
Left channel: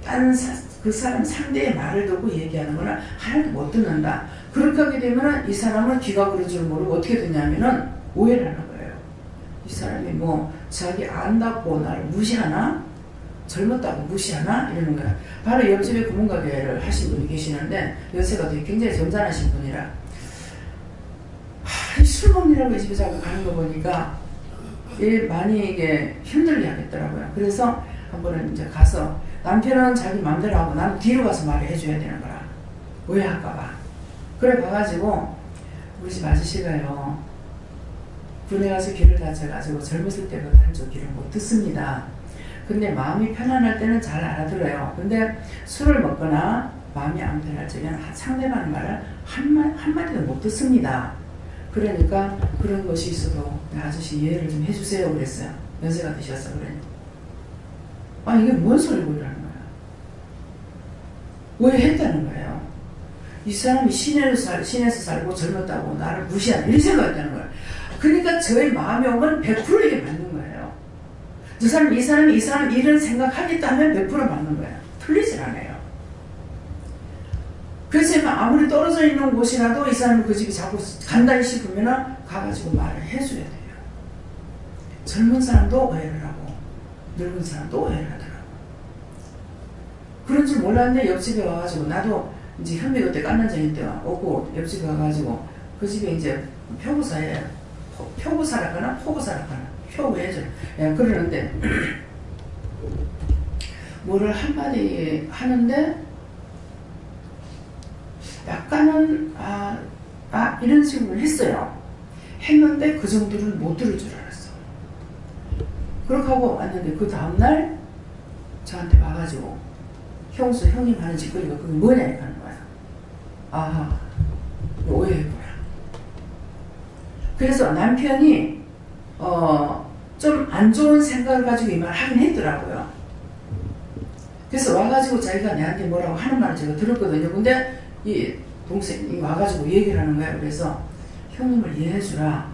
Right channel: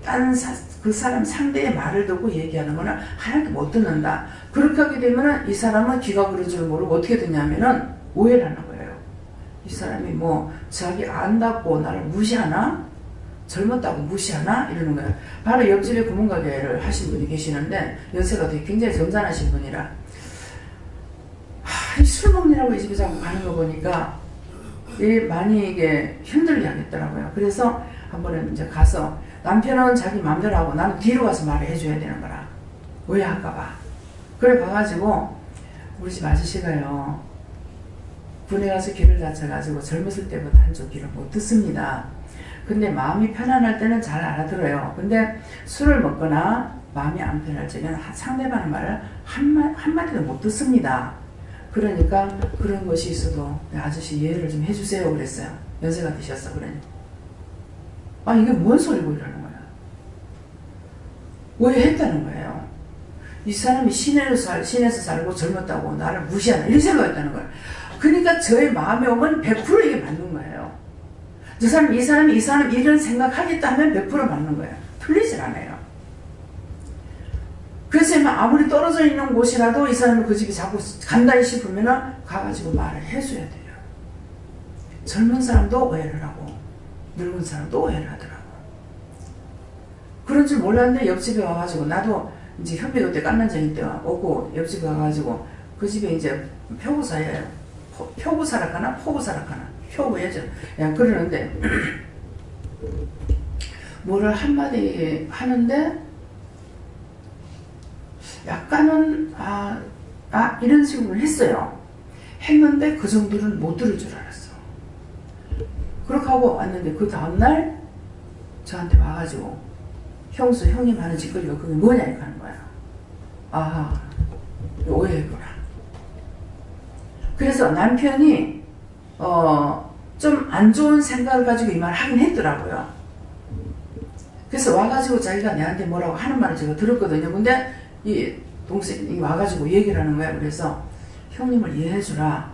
그 사람 상대의 말을 듣고 얘기하는 거는 하나도 못 듣는다. 그렇게 하게 되면 이 사람은 귀가 그런 줄 모르고 어떻게 되냐면은 오해를 하는 거예요. 이 사람이 뭐 자기 안다고 나를 무시하나? 젊었다고 무시하나? 이러는 거예요. 바로 옆집에 구멍가게를 하신 분이 계시는데 연세가 되게 굉장히 점잖으신 분이라 술 먹느라고 이 집에 자꾸 가는 거 보니까 많이 이게 힘들게 하겠더라고요. 그래서 한 번은 이제 가서 남편은 자기 마음대로 하고 나는 뒤로 가서 말을 해줘야 되는 거라. 오해할까봐. 그래 가가지고 우리 집 아저씨가요 군에 가서 귀를 다쳐가지고 젊었을 때부터 한쪽 귀를 못 듣습니다. 근데 마음이 편안할 때는 잘 알아들어요. 근데 술을 먹거나 마음이 안 편할 적에는 상대방 말을 한마디도 못 듣습니다. 그러니까 그런 것이 있어도 아저씨 이해를 좀 해주세요 그랬어요. 연세가 드셨어. 그러니 아 이게 뭔 소리고 이러는 거야. 오해했다는 거예요. 이 사람이 시내에서 살고 젊었다고 나를 무시하는 이런 생각했다는 거야. 그러니까 저의 마음에 오면 100% 이게 맞는 거예요. 이 사람 이런 생각하겠다 하면 100% 맞는 거예요. 틀리질 않아요. 그래서 아무리 떨어져 있는 곳이라도 이 사람이 그 집에 자꾸 간다니 싶으면은 가가지고 말을 해줘야 돼요. 젊은 사람도 오해를 하고 늙은 사람도 오해를 하더라고. 그런 줄 몰랐는데 옆집에 와가지고 나도 이제 현미 그때 깐난쟁이 때 오고 옆집에 와가지고 그 집에 이제 표구사예요. 표구사락하나 포구사락하나 표구예죠. 야, 그러는데 뭐를 한마디 하는데 약간은 이런 식으로 했어요. 했는데 그 정도는 못 들을 줄 알았어. 그렇게 하고 왔는데 그 다음날 저한테 와가지고 형님 하는 짓거리가 그게 뭐냐 이렇게 하는 거야. 오해했구나. 그래서 남편이 좀 안 좋은 생각을 가지고 이 말 하긴 했더라고요. 그래서 와가지고 자기가 내한테 뭐라고 하는 말을 제가 들었거든요. 근데 이 동생이 와가지고 얘기를 하는 거야. 그래서 형님을 이해해주라.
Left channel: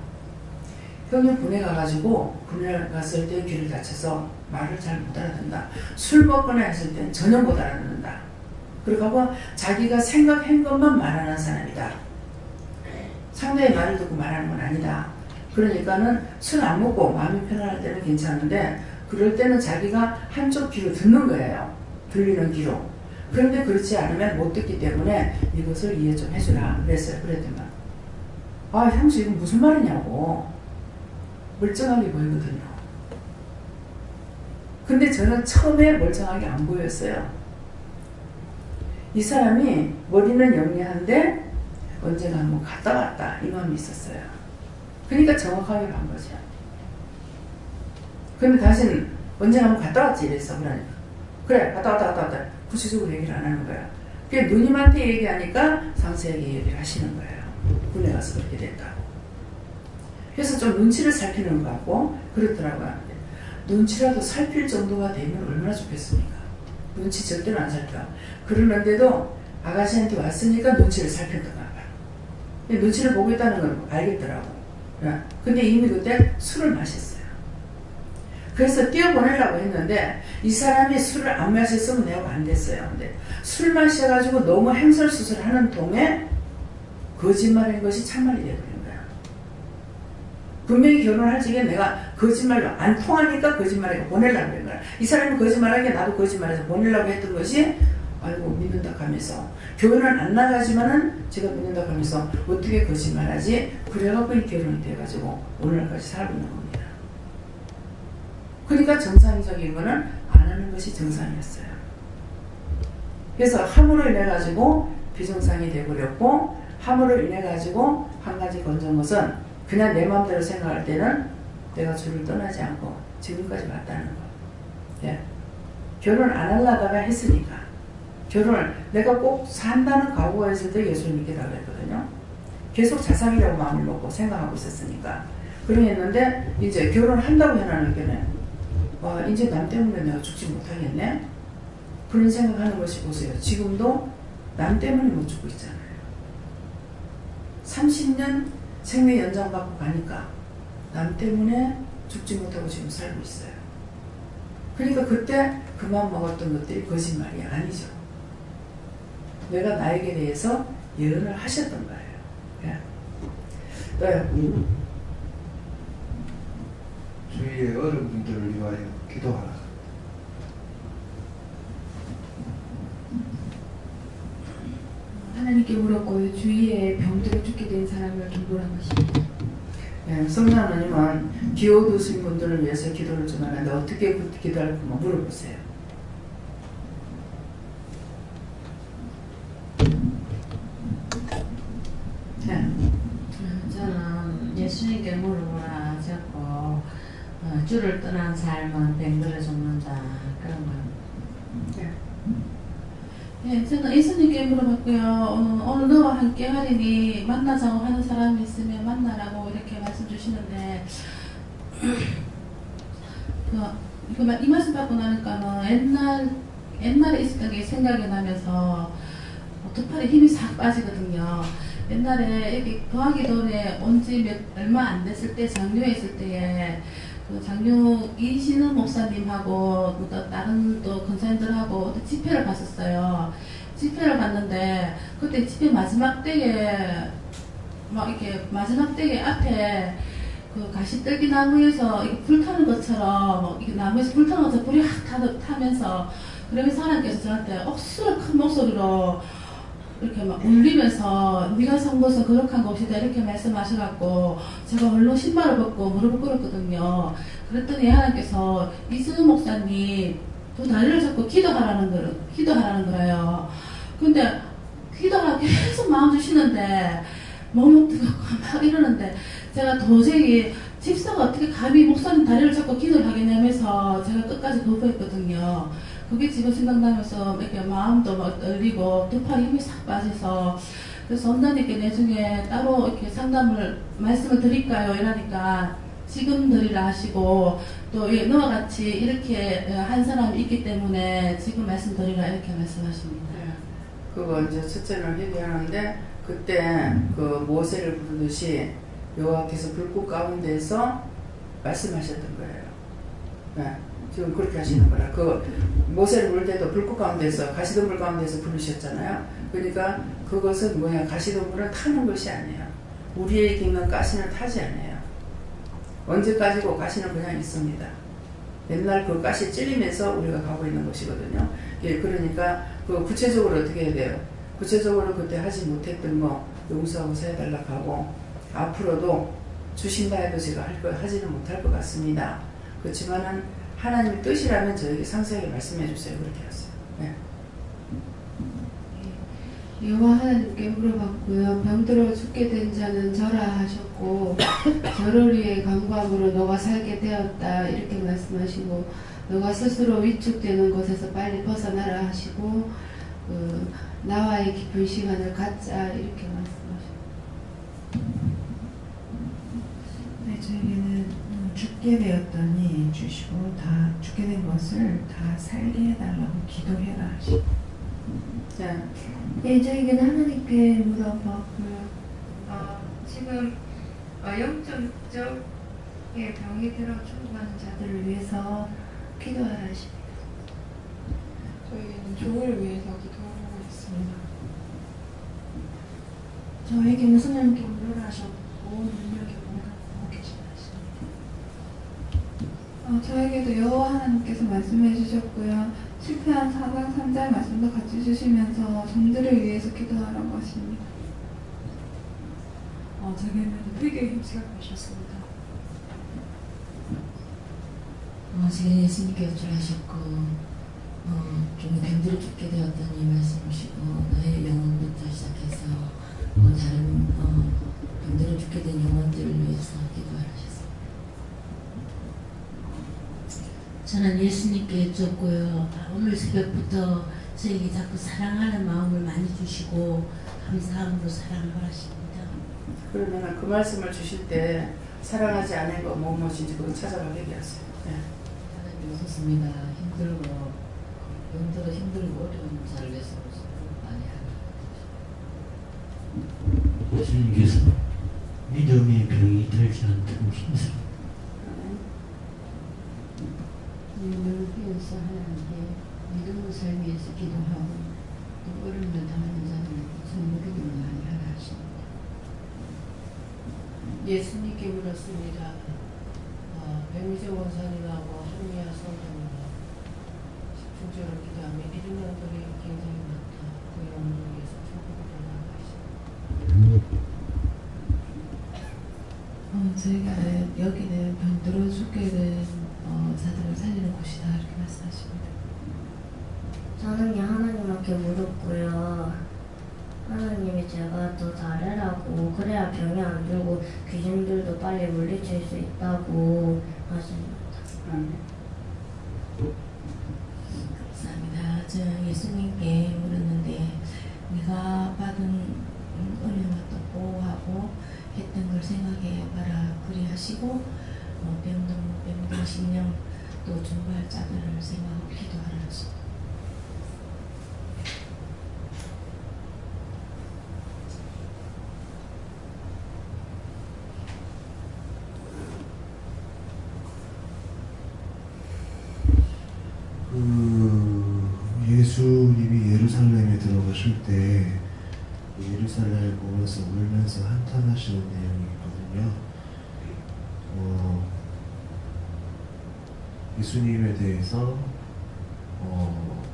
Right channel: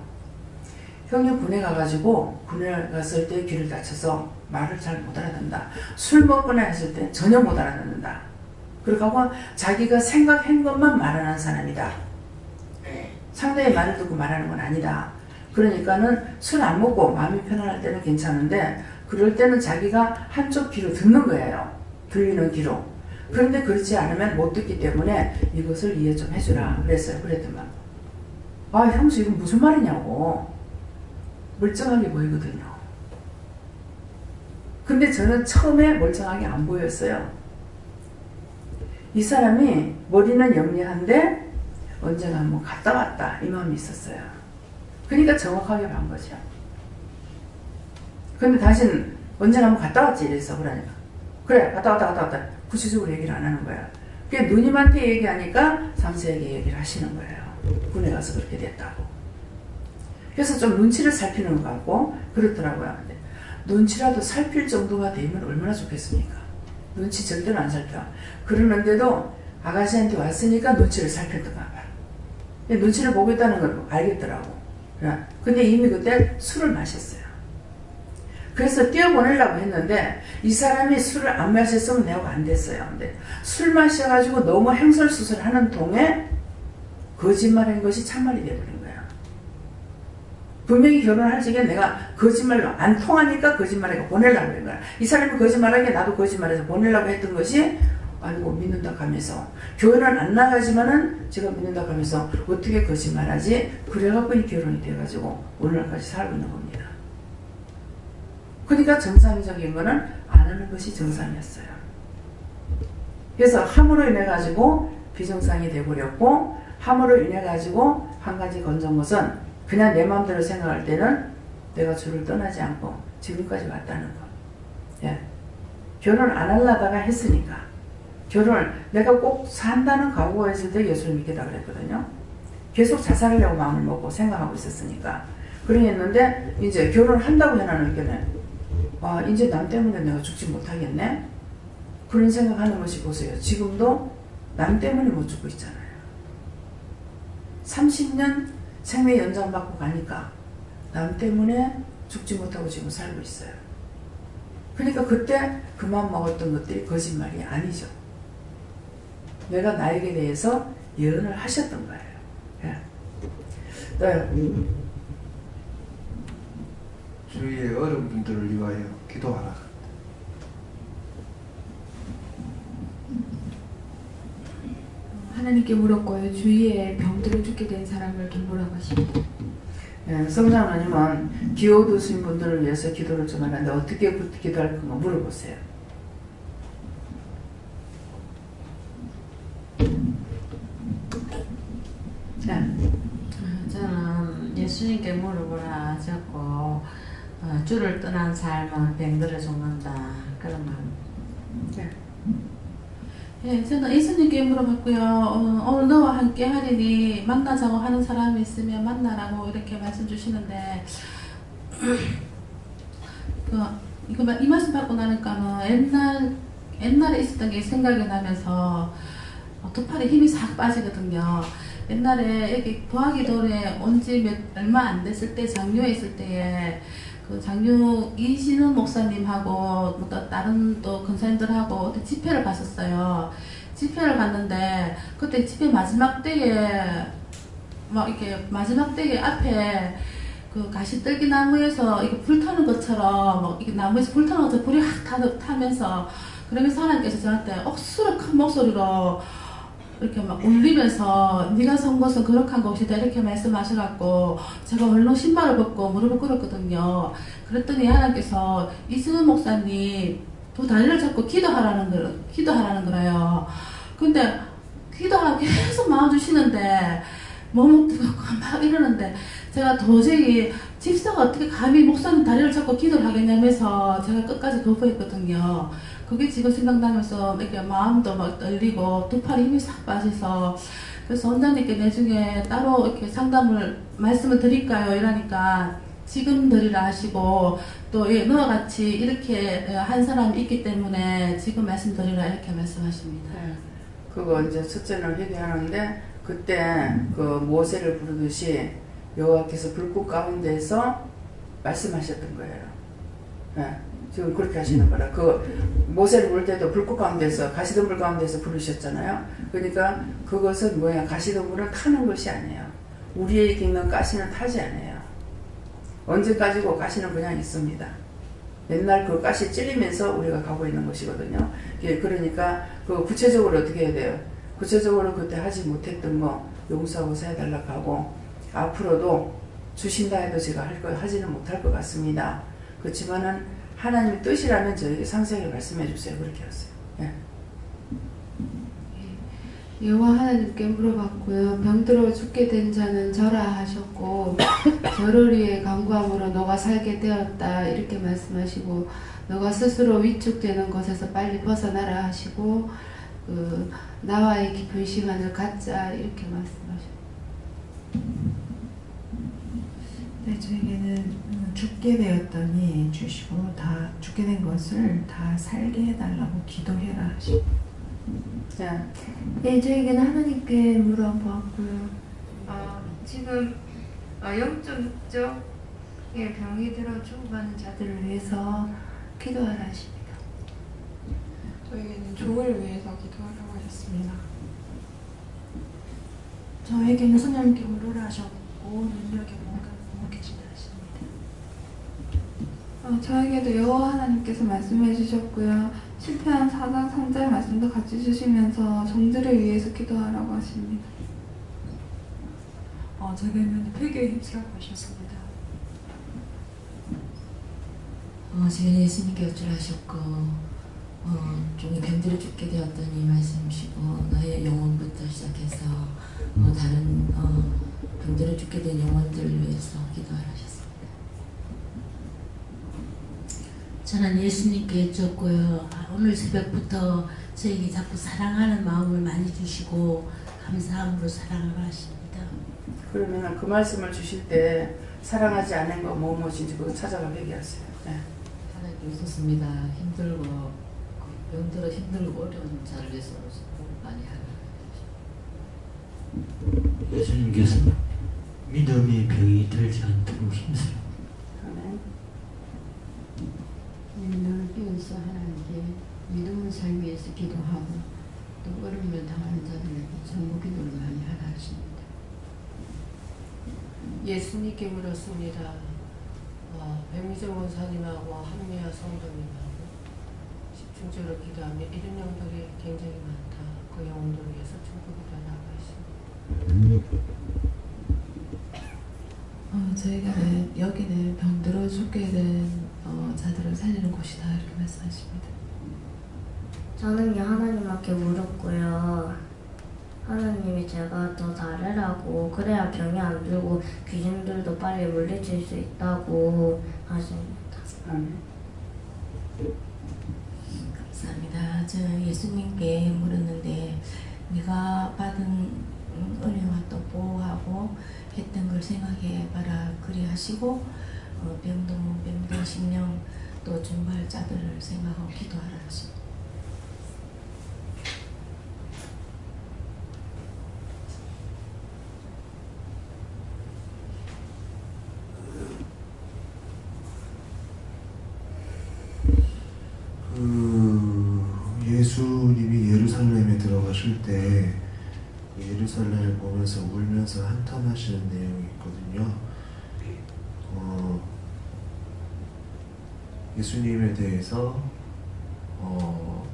형님 군에 가가지고 군에 갔을 때 귀를 다쳐서 말을 잘 못 알아듣는다. 술 먹거나 했을 때 전혀 못 알아듣는다. 그렇게 하고 자기가 생각한 것만 말하는 사람이다. 상대의 말을 듣고 말하는 건 아니다. 그러니까는 술 안 먹고 마음이 편안할 때는 괜찮은데 그럴 때는 자기가 한쪽 귀로 듣는 거예요. 들리는 귀로. 그런데 그렇지 않으면 못 듣기 때문에 이것을 이해 좀 해주라 그랬어요. 그랬더만 형수 이건 무슨 말이냐고 멀쩡하게 보이거든요. 근데 저는 처음에 멀쩡하게 안 보였어요. 이 사람이 머리는 영리한데 언제나 뭐 갔다 왔다 이 마음이 있었어요. 그러니까 정확하게 본 거죠. 근데 당신 언제 한번 갔다 왔지? 이랬어. 그러니까. 그래, 갔다 왔다. 구체적으로 얘기를 안 하는 거야. 그게 누님한테 얘기하니까 상세하게 얘기를 하시는 거예요. 군에 가서 그렇게 됐다고. 그래서 좀 눈치를 살피는 것 같고 그렇더라고요. 눈치라도 살필 정도가 되면 얼마나 좋겠습니까? 눈치 절대로 안 살펴. 그러는데도 아가씨한테 왔으니까 눈치를 살폈던가 봐요. 눈치를 보고 있다는 걸 알겠더라고. 근데 이미 그때 술을 마셨어요. 그래서 뛰어보내려고 했는데 이 사람이 술을 안 마셨으면 내가 안 됐어요. 근데 술 마셔가지고 너무 행설수설하는 동에 거짓말한 것이 참말이 되어버린 거야. 분명히 결혼할 적에 내가 거짓말로 안 통하니까 거짓말하고 보내려고 그런 거야. 이 사람이 거짓말하게 나도 거짓말해서 보내려고 했던 것이 아이고 믿는다 하면서 교회는 안 나가지만은 제가 믿는다 하면서 어떻게 거짓말하지? 그래갖고 이 결혼이 돼가지고 오늘날까지 살고 있는 겁니다. 그러니까 정상적인 거는 안 하는 것이 정상이었어요. 그래서 함으로 인해 가지고 비정상이 돼버렸고 함으로 인해 가지고 한 가지 건전 것은 그냥 내 마음대로 생각할 때는 내가 주를 떠나지 않고 지금까지 왔다는 거. 예. 결혼 안 하려다가 했으니까 결혼을 내가 꼭 산다는 각오가 있을 때 예수를 믿겠다고 그랬거든요. 계속 잘 살려고 마음을 먹고 생각하고 있었으니까 그랬는데 이제 결혼한다고 해놔놓으니까 와 이제 남 때문에 내가 죽지 못하겠네 그런 생각하는 것이 보세요. 지금도 남 때문에 못 죽고 있잖아요. 30년 생명 연장받고 가니까 남 때문에 죽지 못하고 지금 살고 있어요. 그러니까 그때 그만 먹었던 것들이 거짓말이 아니죠. 내가 나에게 대해서 예언을 하셨던 거예요. 예. 네. 주위의 어른분들을 위하여 기도하라. 하나님께 물었고요. 주위에 병들어 죽게 된 사람을 돌보라고 하십니다. 예, 성자 하나님은 기어두신 분들을 위해서 기도를 전하는데 어떻게 기도할까 물어보세요. 네. 저는 예수님께 물어보라 하셨고 주를 떠난 삶은 병들어 죽는다 그런 말. 네. 네, 저는 예수님께 물어봤고요. 오늘 너와 함께 하리니 만나자고 하는 사람이 있으면 만나라고 이렇게 말씀 주시는데 이 말씀 받고 나니까는 옛날에 있었던 게 생각이 나면서 두 팔에 힘이 싹 빠지거든요. 옛날에 여기 도화기돌에 온 지 얼마 안 됐을 때 장류에 있을 때에 그 장류 이신우 목사님하고 또 다른 또 권사님들하고 집회를 갔었어요. 집회를 갔는데 그때 집회 마지막 때에 막 이렇게 마지막 때에 앞에 그 가시떨기 나무에서 이게 불타는 것처럼 이게 나무에서 불타는 것처럼 불이 확 타면서 그러면서 하나님께서 저한테 억수로 큰 목소리로 이렇게 막 울리면서 네가 선 곳은 거룩한 곳이다 이렇게 말씀하셔갖고 제가 얼른 신발을 벗고 무릎을 꿇었거든요. 그랬더니 하나님께서 이승훈 목사님 두 다리를 잡고 기도하라는 거예요. 근데 기도하라고 계속 마음 주시는데 너무 뜨겁고 막 이러는데 제가 도저히 집사가 어떻게 감히 목사님 다리를 잡고 기도를 하겠냐면서 제가 끝까지 거부했거든요. 그게 지금 생각나면서 이렇게 마음도 막 떨리고 두 팔에 힘이 싹 빠져서 그래서 원장님께 나중에 따로 이렇게 말씀을 드릴까요? 이러니까 지금 드리라 하시고 또 너와 같이 이렇게 한 사람이 있기 때문에 지금 말씀드리라 이렇게 말씀하십니다. 네. 그거 이제 첫째는 회개하는데 그때 그 모세를 부르듯이 여호와께서 불꽃 가운데서 말씀하셨던 거예요. 네. 지금 그렇게 하시는 거라. 그 모세를 부를 때도 불꽃 가운데서 가시덤불 가운데서 부르셨잖아요. 그러니까 그것은 뭐야? 가시덤불은 타는 것이 아니에요. 우리에게 있는 가시는 타지 않아요. 언제까지고 가시는 그냥 있습니다. 맨날 그 가시 찔리면서 우리가 가고 있는 것이거든요. 그러니까 그 구체적으로 어떻게 해야 돼요? 구체적으로 그때 하지 못했던 거 용서하고 해달라고 하고 앞으로도 주신다 해도 제가 하지는 못할 것 같습니다. 그렇지만은 하나님의 뜻이라면 저에게 상세하게 말씀해 주세요. 그렇게 하세요. 네. 여호와 하나님께 물어봤고요. 병들어 죽게 된 자는 절하 하셨고 저를 위해 간구함으로 너가 살게 되었다 이렇게 말씀하시고 너가 스스로 위축되는 것에서 빨리 벗어나라 하시고 나와의 깊은 시간을 갖자 이렇게 말씀하셨고 네, 저에게는 죽게 되었더니 주시고 다 죽게 된 것을 다 살게 해달라고 기도해라 하시고 자, 예, 저에게는 하나님께 물어봤고요. 지금 영적, 육적의 병이 들어 죽어가는 자들을 위해서 기도하라 하십니다. 저에게는 종을 위해서 기도하라고 했습니다. 저에게는 성령님께 물으라 하셨고 능력이 먹이지라 하십니다. 저에게도 여호와 하나님께서 말씀해 주셨고요. 실패한 4장 3절 말씀도 같이 주시면서 종들을 위해서 기도하라고 하십니다. 저에게는 회개에 힘쓰라고 하셨습니다. 제가 예수님께 여쭈하셨고 종이 병들어 죽게 되었더니 말씀하시고 너의 영혼부터 시작해서 다른 병들어 죽게 된 영혼들을 위해서 기도하라 하셨습니다. 저는 예수님께 여쭈었고요. 오늘 새벽부터 저에게 자꾸 사랑하는 마음을 많이 주시고 감사함으로 사랑을 하십니다. 그러면 그 말씀을 주실 때 사랑하지 않은 거 무엇인지 그거 찾아가 얘기하세요. 네. 하나님 없었습니다. 힘들고 병들어 힘들고 어려운 자를 위해서 많이 하라. 예수님께서 믿음의 병이 들지 않도록 힘쓰라. 믿음을 비워서 하나님께 믿음의 삶 위해서 기도하고 또 어려움을 당하는 자들을 전부 기도를 많이 하라 하십니다. 예수님께 물었습니다. 백미정 원사님하고 한미아 성도님하고 집중적으로 기도하며 이런 영들이 굉장히 많다. 그 영혼을 위해서 조국이라 나가십니다. 저에게는 여기는 병들어 죽게 된 자들을 살리는 곳이다 이렇게 말씀하십니다. 저는 하나님께 물었고요. 하나님이 제가 더 잘해라고 그래야 병이 안 들고 귀신들도 빨리 물리칠 수 있다고 하십니다. 감사합니다. 저 예수님께 물었는데 네가 받은 은혜와 또 보호하고 했던 걸 생각해봐라 그리 하시고 병든 심령 또 중발자들을 생각하고 기도하라 하십니다. 예수님이 예루살렘에 들어가실 때 예루살렘을 보면서 울면서 한탄하시는 내용이 있거든요. 예수님에 대해서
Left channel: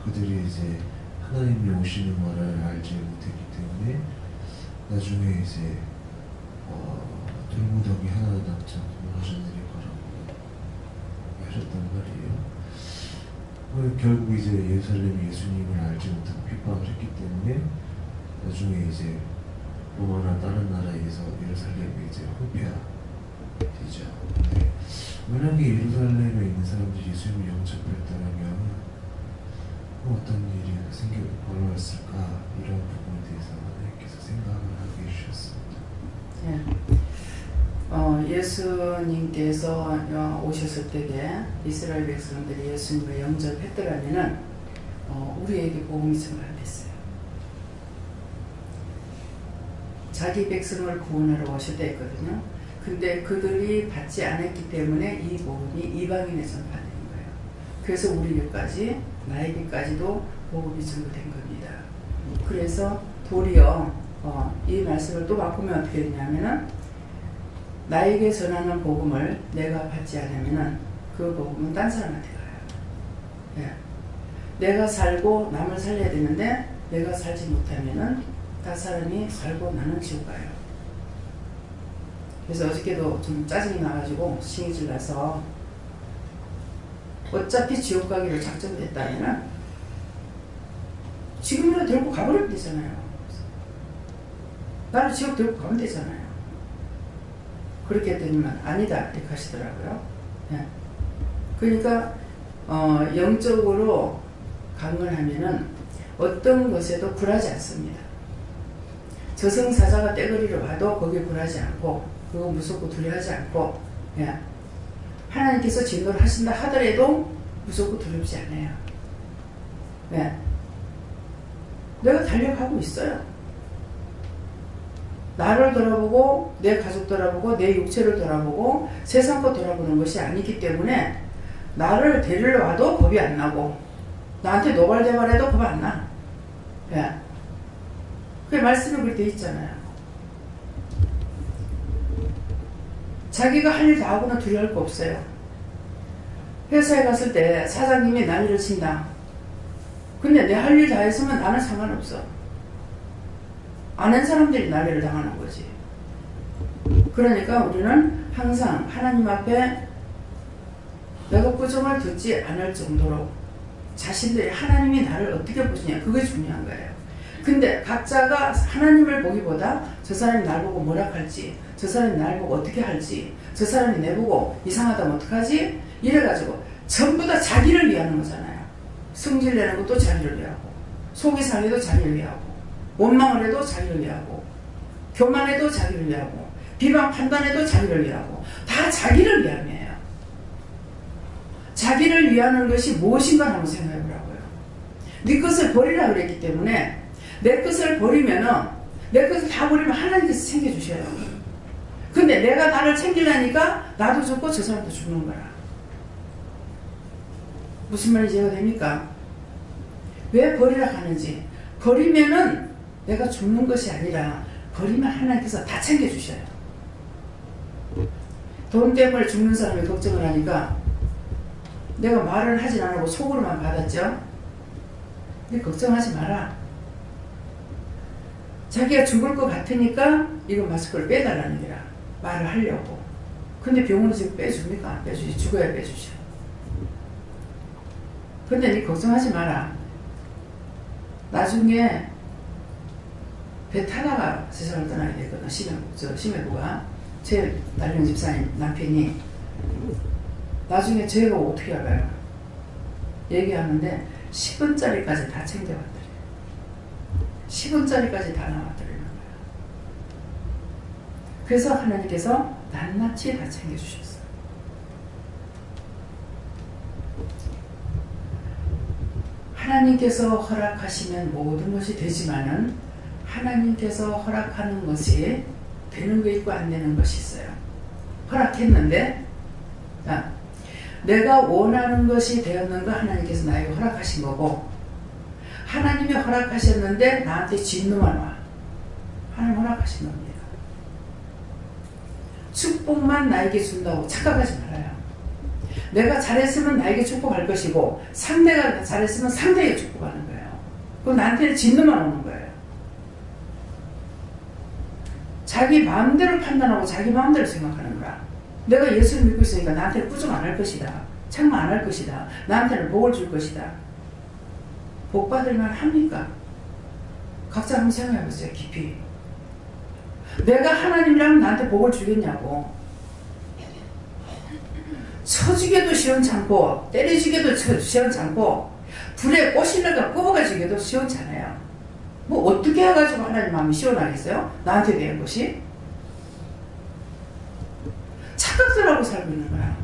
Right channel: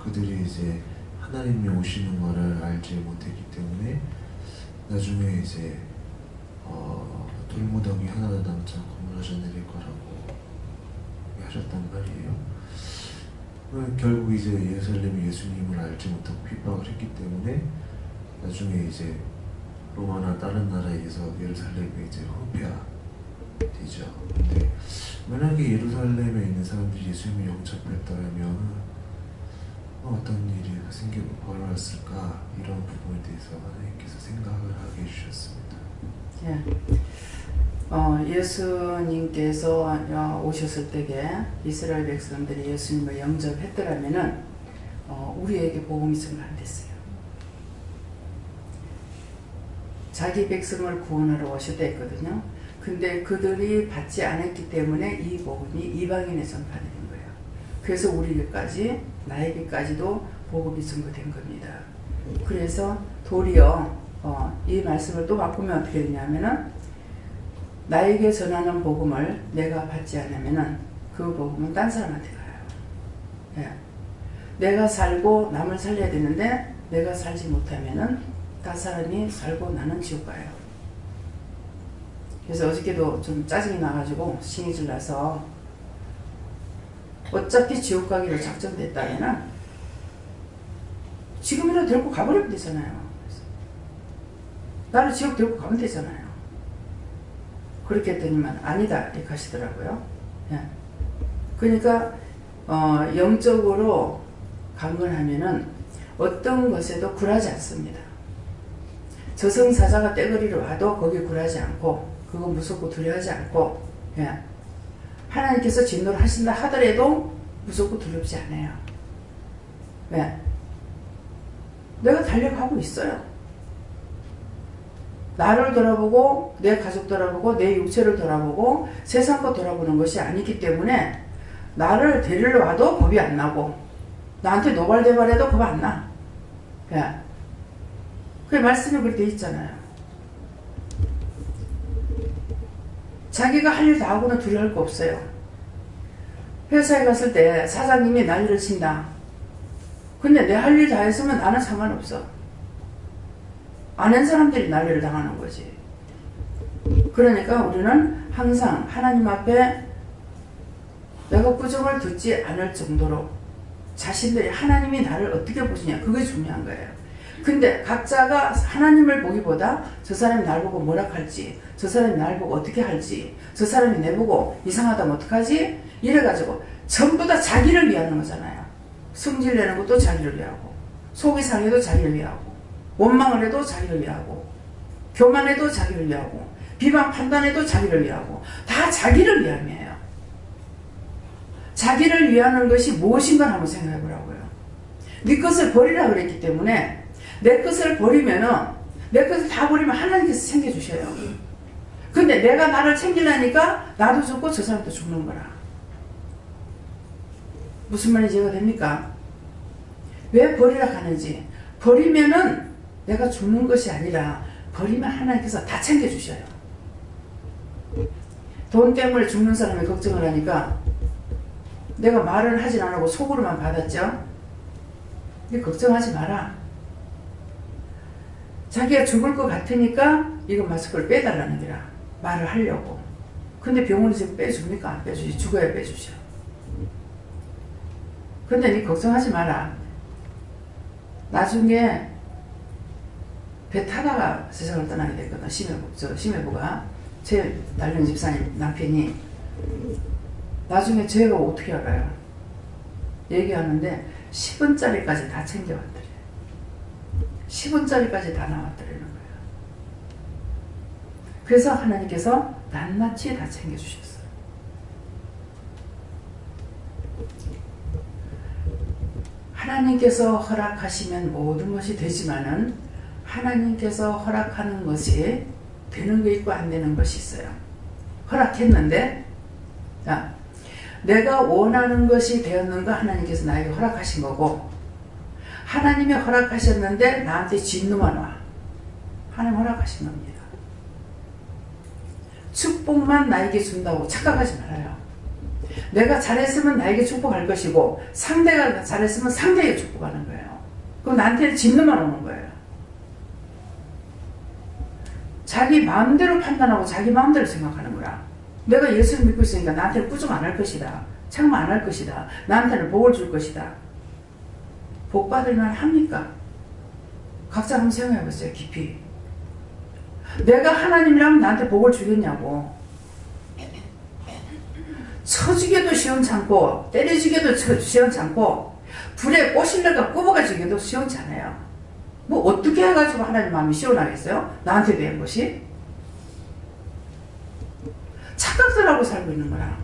그들이 이제 하나님이 오시는 것을 알지 못했기 때문에 나중에 이제 돌무더기 하나도 남지 않고 무너져 내릴 거라고 하셨단 말이에요. 결국 이제 예루살렘이 예수님을 알지 못하고 핍박을 했기 때문에 나중에 이제 로마나 다른 나라에서 예루살렘이 이제 후퇴되죠. 근데 만약에 예루살렘에 있는 사람들이 예수님을 영접했다면 어떤 일이 벌어졌을까 이런 부분에 대해서 하나님께서 생각을 하게 해주셨습니다. 예수님께서 오셨을 때에 이스라엘 백성들이 예수님을 영접했더라면은 우리에게 복음이 전가 안 됐어요. 자기 백성을 구원하러 오셨다 했거든요. 근데 그들이 받지 않았기 때문에 이 복음이 이방인에 전파된 거예요. 그래서 우리에게까지 나에게까지도 복음이 전가된 겁니다. 그래서 도리어 이 말씀을 또 바꾸면 어떻게 되냐면은 나에게 전하는 복음을 내가 받지 않으면은 그 복음은 딴 사람한테 가요. 내가 살고 남을 살려야 되는데 내가 살지 못하면은 딴 사람이 살고 나는 지옥 가요. 그래서 어저께도 좀 짜증이 나가지고 신이질 나서 어차피 지옥 가기로 작정됐다면은 지금이라도 데리고 가버리면 되잖아요. 나를 지옥 들고 가면 되잖아요. 그렇게 했더니만 아니다 이렇게 하시더라고요. 예. 그러니까 영적으로 강건하면은 어떤 것에도 굴하지 않습니다. 저승사자가 떼거리로 와도 거기에 굴하지 않고 그거 무섭고 두려워하지 않고, 예. 하나님께서 진노를 하신다 하더라도 무섭고 두렵지 않아요. 예. 내가 달려가고 있어요. 나를 돌아보고 내 가족 돌아보고 내 육체를 돌아보고 세상 것 돌아보는 것이 아니기 때문에 나를 데리러 와도 겁이 안 나고 나한테 노발대발해도 겁 안 나. 예. 그 말씀이 그렇게 돼 있잖아요. 자기가 할 일 다 하고는 두려워할 거 없어요. 회사에 갔을 때 사장님이 난리를 친다. 근데 내 할 일 다 했으면 나는 상관없어. 아는 사람들이 난리를 당하는 거지. 그러니까 우리는 항상 하나님 앞에 내가 꾸중을 듣지 않을 정도로 자신들이 하나님이 나를 어떻게 보시냐 그게 중요한 거예요. 근데 각자가 하나님을 보기보다 저 사람이 날 보고 뭐라 할지, 저 사람이 날 보고 어떻게 할지, 저 사람이 내 보고 이상하다면 어떡하지? 이래가지고 전부 다 자기를 위하는 거잖아요. 승질내는 것도 자기를 위하고, 속이 상해도 자기를 위하고, 원망을 해도 자기를 위하고, 교만해도 자기를 위하고, 비방 판단해도 자기를 위하고, 다 자기를 위함이에요. 자기를 위하는 것이 무엇인가 한번 생각해 보라고요. 네 것을 버리라 그랬기 때문에 내 것을 버리면은, 내 것을 다 버리면 하나님께서 챙겨주셔요. 근데 내가 나를 챙기려니까 나도 죽고 저 사람도 죽는 거라. 무슨 말인지 이해가 됩니까? 왜 버리라 하는지. 버리면은 내가 죽는 것이 아니라 버리면 하나님께서 다 챙겨주셔요. 돈 때문에 죽는 사람이 걱정을 하니까 내가 말을 하진 않고 속으로만 받았죠. 근데 걱정하지 마라. 자기가 죽을 것 같으니까 이거 마스크를 빼달라는 게라. 말을 하려고. 근데 병원은 지금 빼줍니까? 안 빼주지. 죽어야 빼주셔. 근데 니 걱정하지 마라. 나중에 배 타다가 세상을 떠나게 됐거든. 심해부가. 제 달령 집사님 남편이 나중에 제가 어떻게 알아요? 얘기하는데 10원짜리까지 다 챙겨왔더래. 10원짜리까지 다 나왔더라는 거예요. 그래서 하나님께서 낱낱이 다 챙겨주셨어요. 하나님께서 허락하시면 모든 것이 되지만은 하나님께서 허락하는 것이 되는 거 있고 안 되는 것이 있어요. 허락했는데 자, 내가 원하는 것이 되었는가 하나님께서 나에게 허락하신 거고, 하나님이 허락하셨는데 나한테 진노만 와. 하나님 허락하신 겁니다. 축복만 나에게 준다고 착각하지 말아요. 내가 잘했으면 나에게 축복할 것이고 상대가 잘했으면 상대에게 축복하는 거예요. 그럼 나한테는 진노만 오는 거예요. 자기 마음대로 판단하고 자기 마음대로 생각하는 거라. 내가 예수를 믿고 있으니까 나한테는 꾸중 안 할 것이다. 책망 안 할 것이다. 나한테는 복을 줄 것이다. 복 받을 만 합니까? 각자 한번 생각해 보세요. 깊이. 내가 하나님이라면 나한테 복을 주겠냐고. 쳐주기도 시원찮고 때려주기도 시원찮고 불에 꽃실내가 꼽아가지기도 시원찮아요. 뭐 어떻게 해가지고 하나님 마음이 시원하겠어요? 나한테 대한 것이? 착각들하고 살고 있는 거야.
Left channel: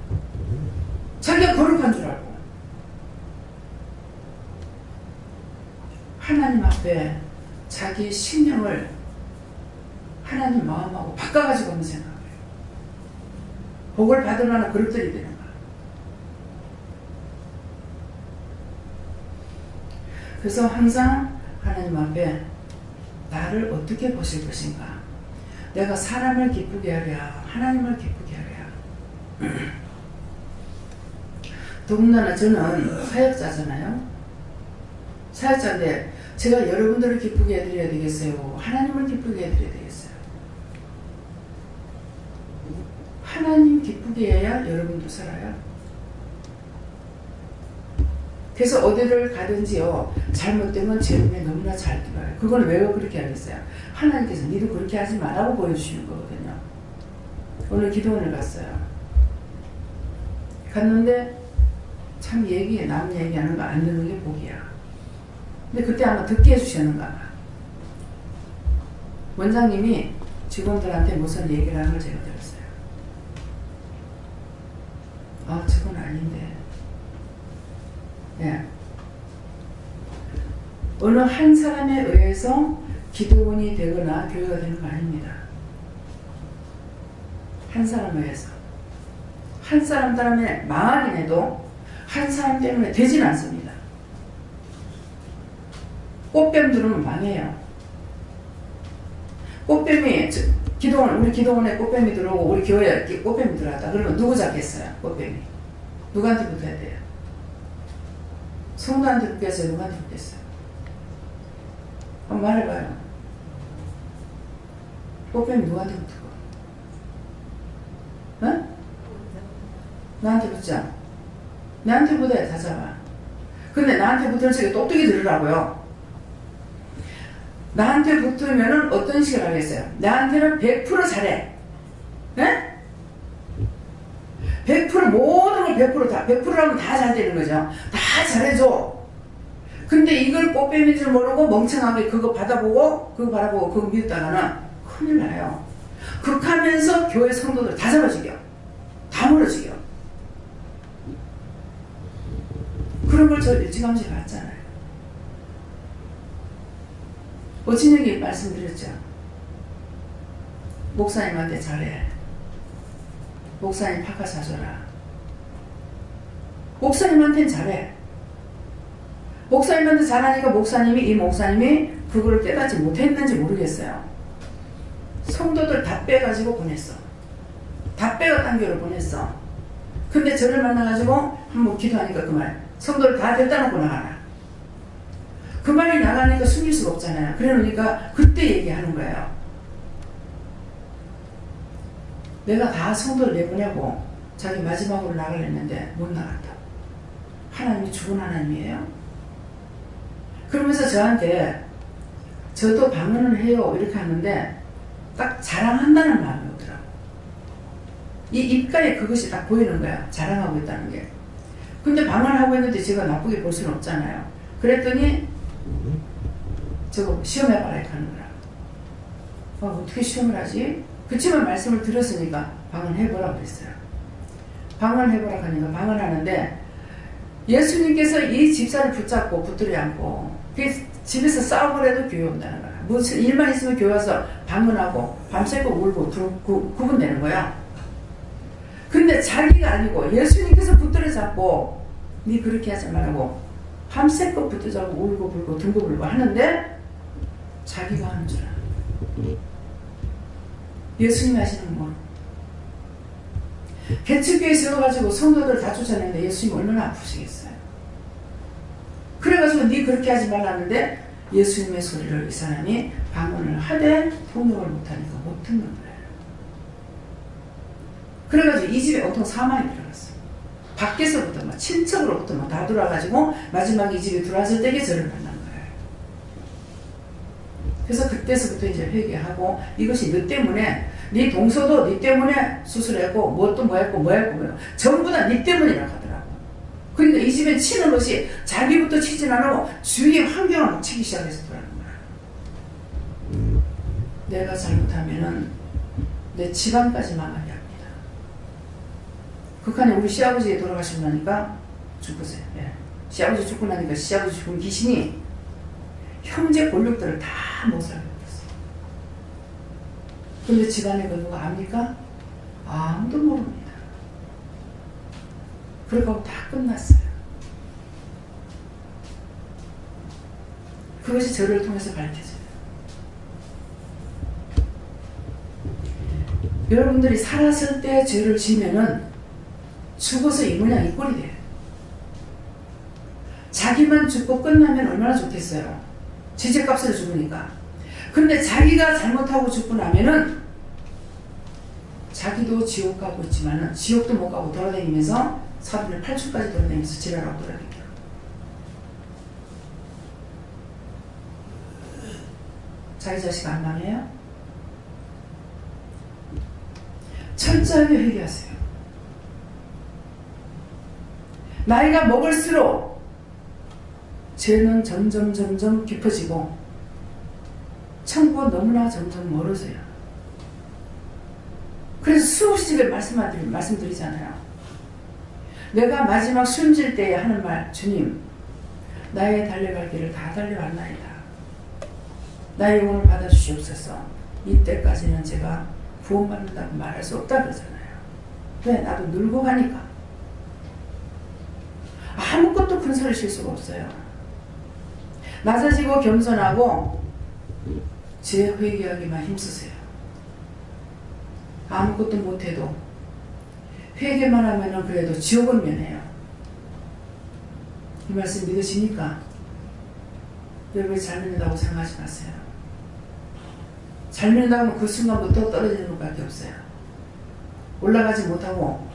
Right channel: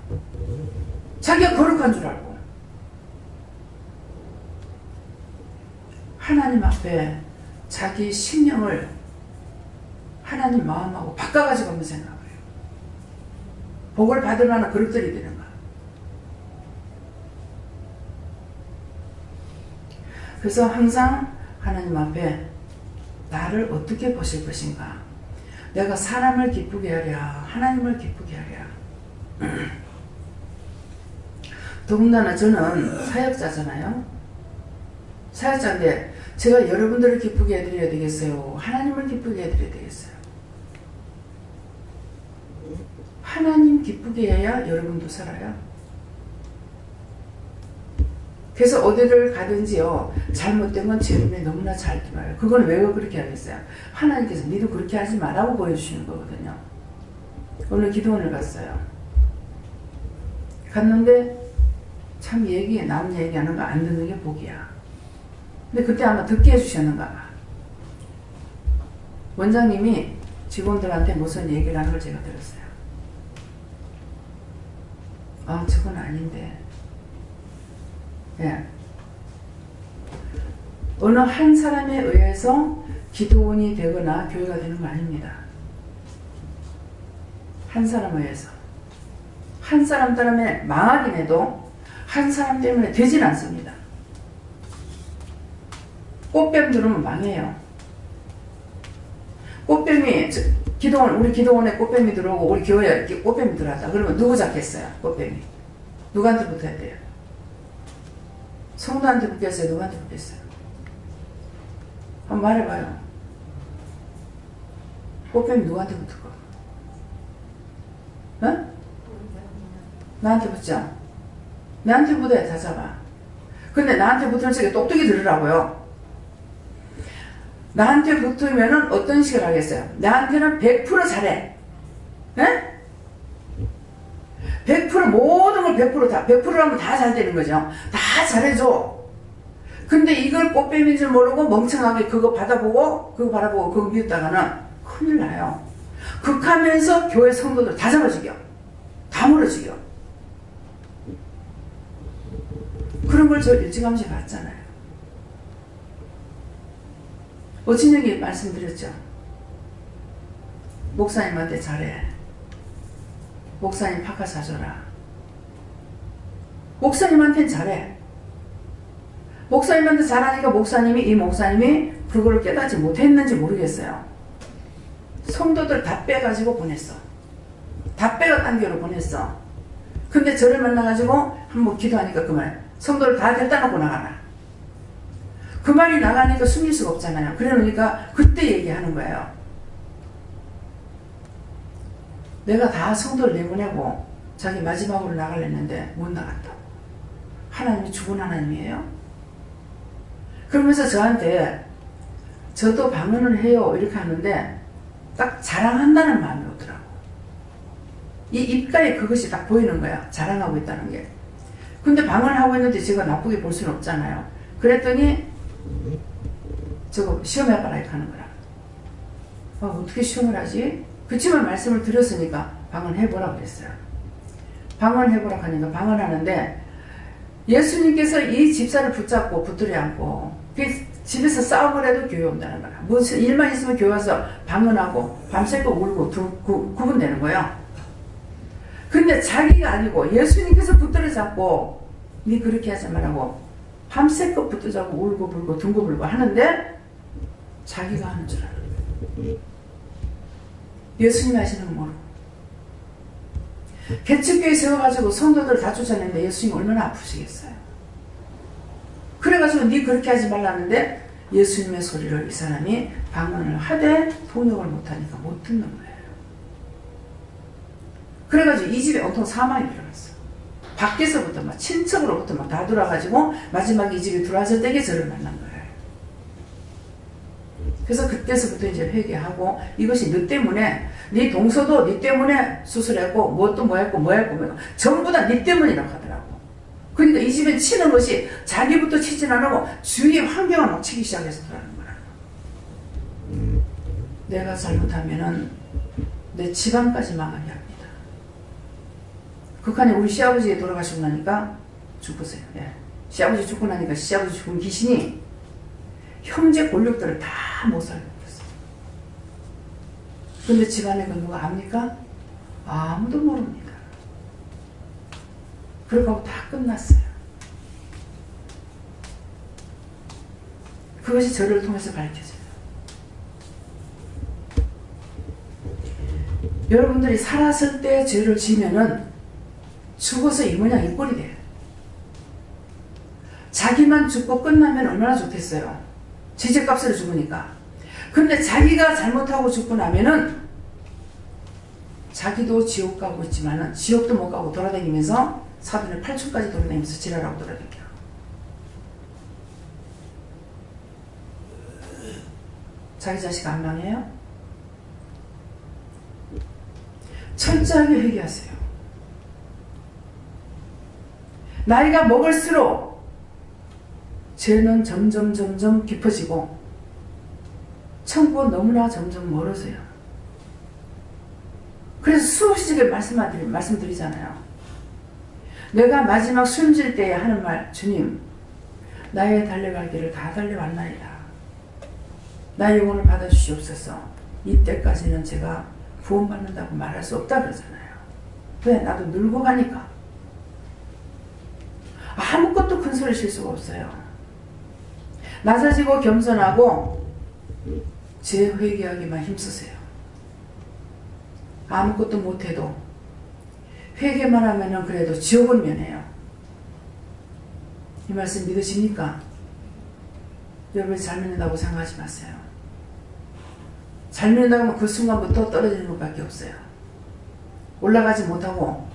자기가 거룩한 줄 알고. 하나님 앞에 자기 신령을 하나님 마음하고 바꿔가지고 한번 생각해요. 복을 받을 만한 그릇들이 되는 거야. 그래서 항상 하나님 앞에 나를 어떻게 보실 것인가. 내가 사람을 기쁘게 하랴 하나님을 기쁘게 하랴. 더군다나 저는 사역자잖아요. 사역자인데 제가 여러분들을 기쁘게 해드려야 되겠어요? 하나님을 기쁘게 해드려야 되겠어요? 하나님 기쁘게 해야 여러분도 살아요. 그래서 어디를 가든지요, 잘못되면 제 눈에 너무나 잘 들어요. 그건 왜 그렇게 하겠어요? 하나님께서 니도 그렇게 하지 말라고 보여주시는 거거든요. 오늘 기도원을 갔어요. 갔는데 참 남 얘기하는 거 안 듣는 게 복이야. 근데 그때 아마 듣게 해주셨는가 봐. 원장님이 직원들한테 무슨 얘기를 하는 걸 제가 들었어요. 아, 저건 아닌데. 예. 어느 한 사람에 의해서 기도원이 되거나 교회가 되는 거 아닙니다. 한 사람에 의해서. 한 사람 때문에 망하긴 해도 한 사람 때문에 되진 않습니다. 꽃뱀 들으면 망해요. 꽃뱀이 우리 기도원에 꽃뱀이 들어오고 우리 교회에 꽃뱀이 들어왔다. 그러면 누구 잡겠어요? 꽃뱀이. 누구한테 붙어야 돼요? 성도한테 붙겠어요? 누구한테 붙겠어요? 한번 말해봐요. 꽃뱀이 누구한테 붙을까? 어? 나한테 붙자. 나한테 붙어야 다 잡아. 근데 나한테 붙을 적에 똑똑히 들으라고요. 나한테 붙으면은 어떤 식으로 하겠어요? 나한테는 100% 잘해. 네? 100% 모든 걸 100%라면 다 잘 되는 거죠. 다 잘해줘. 근데 이걸 꽃뱀인 줄 모르고 멍청하게 그거 바라보고 그거 믿다가는 큰일 나요. 극하면서 교회 성도들 다 잡아주겨. 다 물어주겨. 그런 걸 저 일찌감치 봤잖아요. 오친영이 말씀드렸죠. 목사님한테 잘해. 목사님 파카 사줘라. 목사님한테는 잘해. 목사님한테 잘하니까 이 목사님이 그걸 깨닫지 못했는지 모르겠어요. 성도들 다 빼가지고 보냈어. 다 빼가 딴 교회로 보냈어. 근데 저를 만나가지고 한번 기도하니까 그 말, 성도를 다 데려다 놓고 나가라. 그 말이 나가니까 숨길 수가 없잖아요. 그러니까 그때 얘기하는 거예요. 내가 다 성도를 내보내고 자기 마지막으로 나가려는데 못 나간다. 하나님이 죽은 하나님이에요? 그러면서 저한테 저도 방언을 해요 이렇게 하는데 딱 자랑한다는 마음이 오더라고. 이 입가에 그것이 딱 보이는 거야. 자랑하고 있다는 게. 근데 방언하고 있는데 제가 나쁘게 볼 수는 없잖아요. 그랬더니 저거 시험해봐라 이렇게 하는 거라. 어떻게 시험을 하지? 그치만 말씀을 들었으니까 방언해보라 그랬어요. 방언해보라 하니까 방언하는데 예수님께서 이 집사를 붙잡고 붙들여 안고 집에서 싸움을 해도 교회 온다는 거야. 무슨 일만 있으면 교회 와서 방언하고 밤새고 울고 구분되는 거예요. 근데 자기가 아니고 예수님께서 붙들어 잡고 니 그렇게 하지 말라고 밤새껏 붙들어 잡고 울고 불고 둥고 불고 하는데 자기가 하는 줄 알아. 예수님 하시는 건 모르고. 개척교회 세워가지고 성도들 다 쫓아내는데 예수님 얼마나 아프시겠어요. 그래가지고 니 그렇게 하지 말라는데 예수님의 소리를 이 사람이 방언을 하되 통역을 못하니까 못 듣는 거예요. 그래가지고 이 집에 온통 사망이 들어갔어. 밖에서부터 막 친척으로부터 막 다 들어와가지고 마지막에 이 집에 들어왔을 때에 저를 만난 거예요. 그래서 그때서부터 이제 회개하고 이것이 너 때문에 네 동서도 네 때문에 수술했고 뭣도 뭐 했고 전부 다 네 때문이라고 하더라고. 그러니까 이 집에 치는 것이 자기부터 치진 않고 주위의 환경을 막 치기 시작해서 그러는 거야. 내가 잘못하면은 내 집안까지 망하게 합니다. 극한에 우리 시아버지가 돌아가시고 나니까 죽으세요. 예. 시아버지 죽고 나니까 시아버지 죽은 귀신이 형제 권력들을 다 못 살게 버렸어. 근데 집안에 그 누가 압니까? 아무도 모릅니다. 그러고 다 끝났어요. 그것이 저를 통해서 밝혀져요. 여러분들이 살았을 때 죄를 지면은 죽어서 이 모양 이 꼴이 돼요. 자기만 죽고 끝나면 얼마나 좋겠어요. 지제값으로 죽으니까. 근데 자기가 잘못하고 죽고 나면은 자기도 지옥 가고 있지만은 지옥도 못 가고 돌아다니면서 사돈의 8층까지 돌아다니면서 지랄하고 돌아다녀요. 자기 자식 안 망해요? 철저하게 회개하세요. 나이가 먹을수록 죄는 점점 깊어지고 천국은 너무나 점점 멀어져요. 그래서 수없이 말씀드리잖아요. 내가 마지막 숨질 때에 하는 말, 주님, 나의 달려갈 길을 다 달려왔나이다. 나의 영혼을 받아주시옵소서. 이때까지는 제가 구원받는다고 말할 수 없다 그러잖아요. 왜? 나도 늙어 가니까. 아무것도 큰 소리 칠 수가 없어요. 낮아지고 겸손하고 죄 회개하기만 힘쓰세요. 아무것도 못해도 회개만 하면은 그래도 지옥은 면해요. 이 말씀 믿으십니까? 여러분이 잘 믿는다고 생각하지 마세요. 잘 믿는다고 하면 그 순간부터 떨어지는 것밖에 없어요. 올라가지 못하고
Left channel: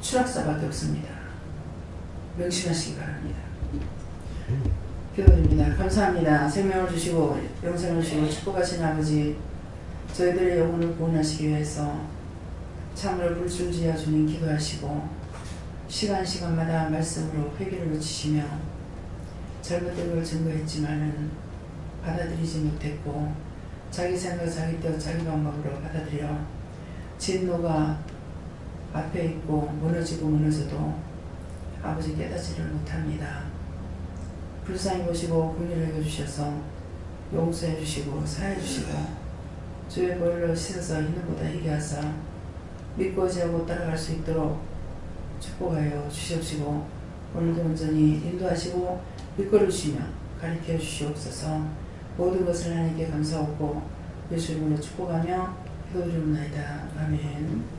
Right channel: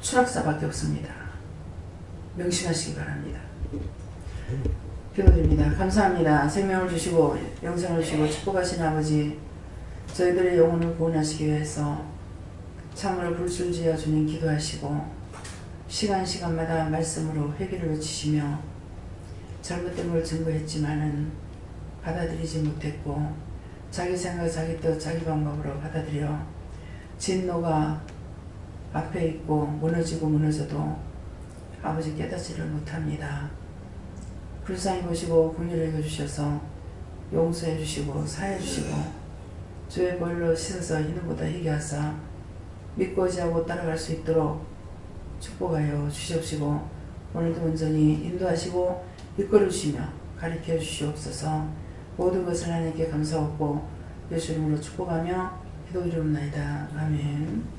추락사밖에 없습니다. 명심하시기 바랍니다. 기도드립니다. 감사합니다. 생명을 주시고 영생을 주시고 축복하신 아버지, 저희들의 영혼을 구원하시기 위해서 참으로 불순지어 주님 기도하시고 시간마다 말씀으로 회개를 외치시며 잘못된 걸 증거했지만은 받아들이지 못했고 자기 생각, 자기 뜻, 자기 방법으로 받아들여 진노가 앞에 있고 무너져도 아버지 깨닫지를 못합니다. 불쌍히 보시고 긍휼히 여겨주셔서 용서해 주시고 사해 주시고 주의 벌로 씻어서 희는보다 희게 하사 믿고 의지하고 따라갈 수 있도록 축복하여 주시옵시고 오늘도 온전히 인도하시고 이끌어 주시며 가르쳐 주시옵소서. 모든 것을 하나님께 감사하고 예수 이름으로 축복하며 기도드리옵나이다. 아멘.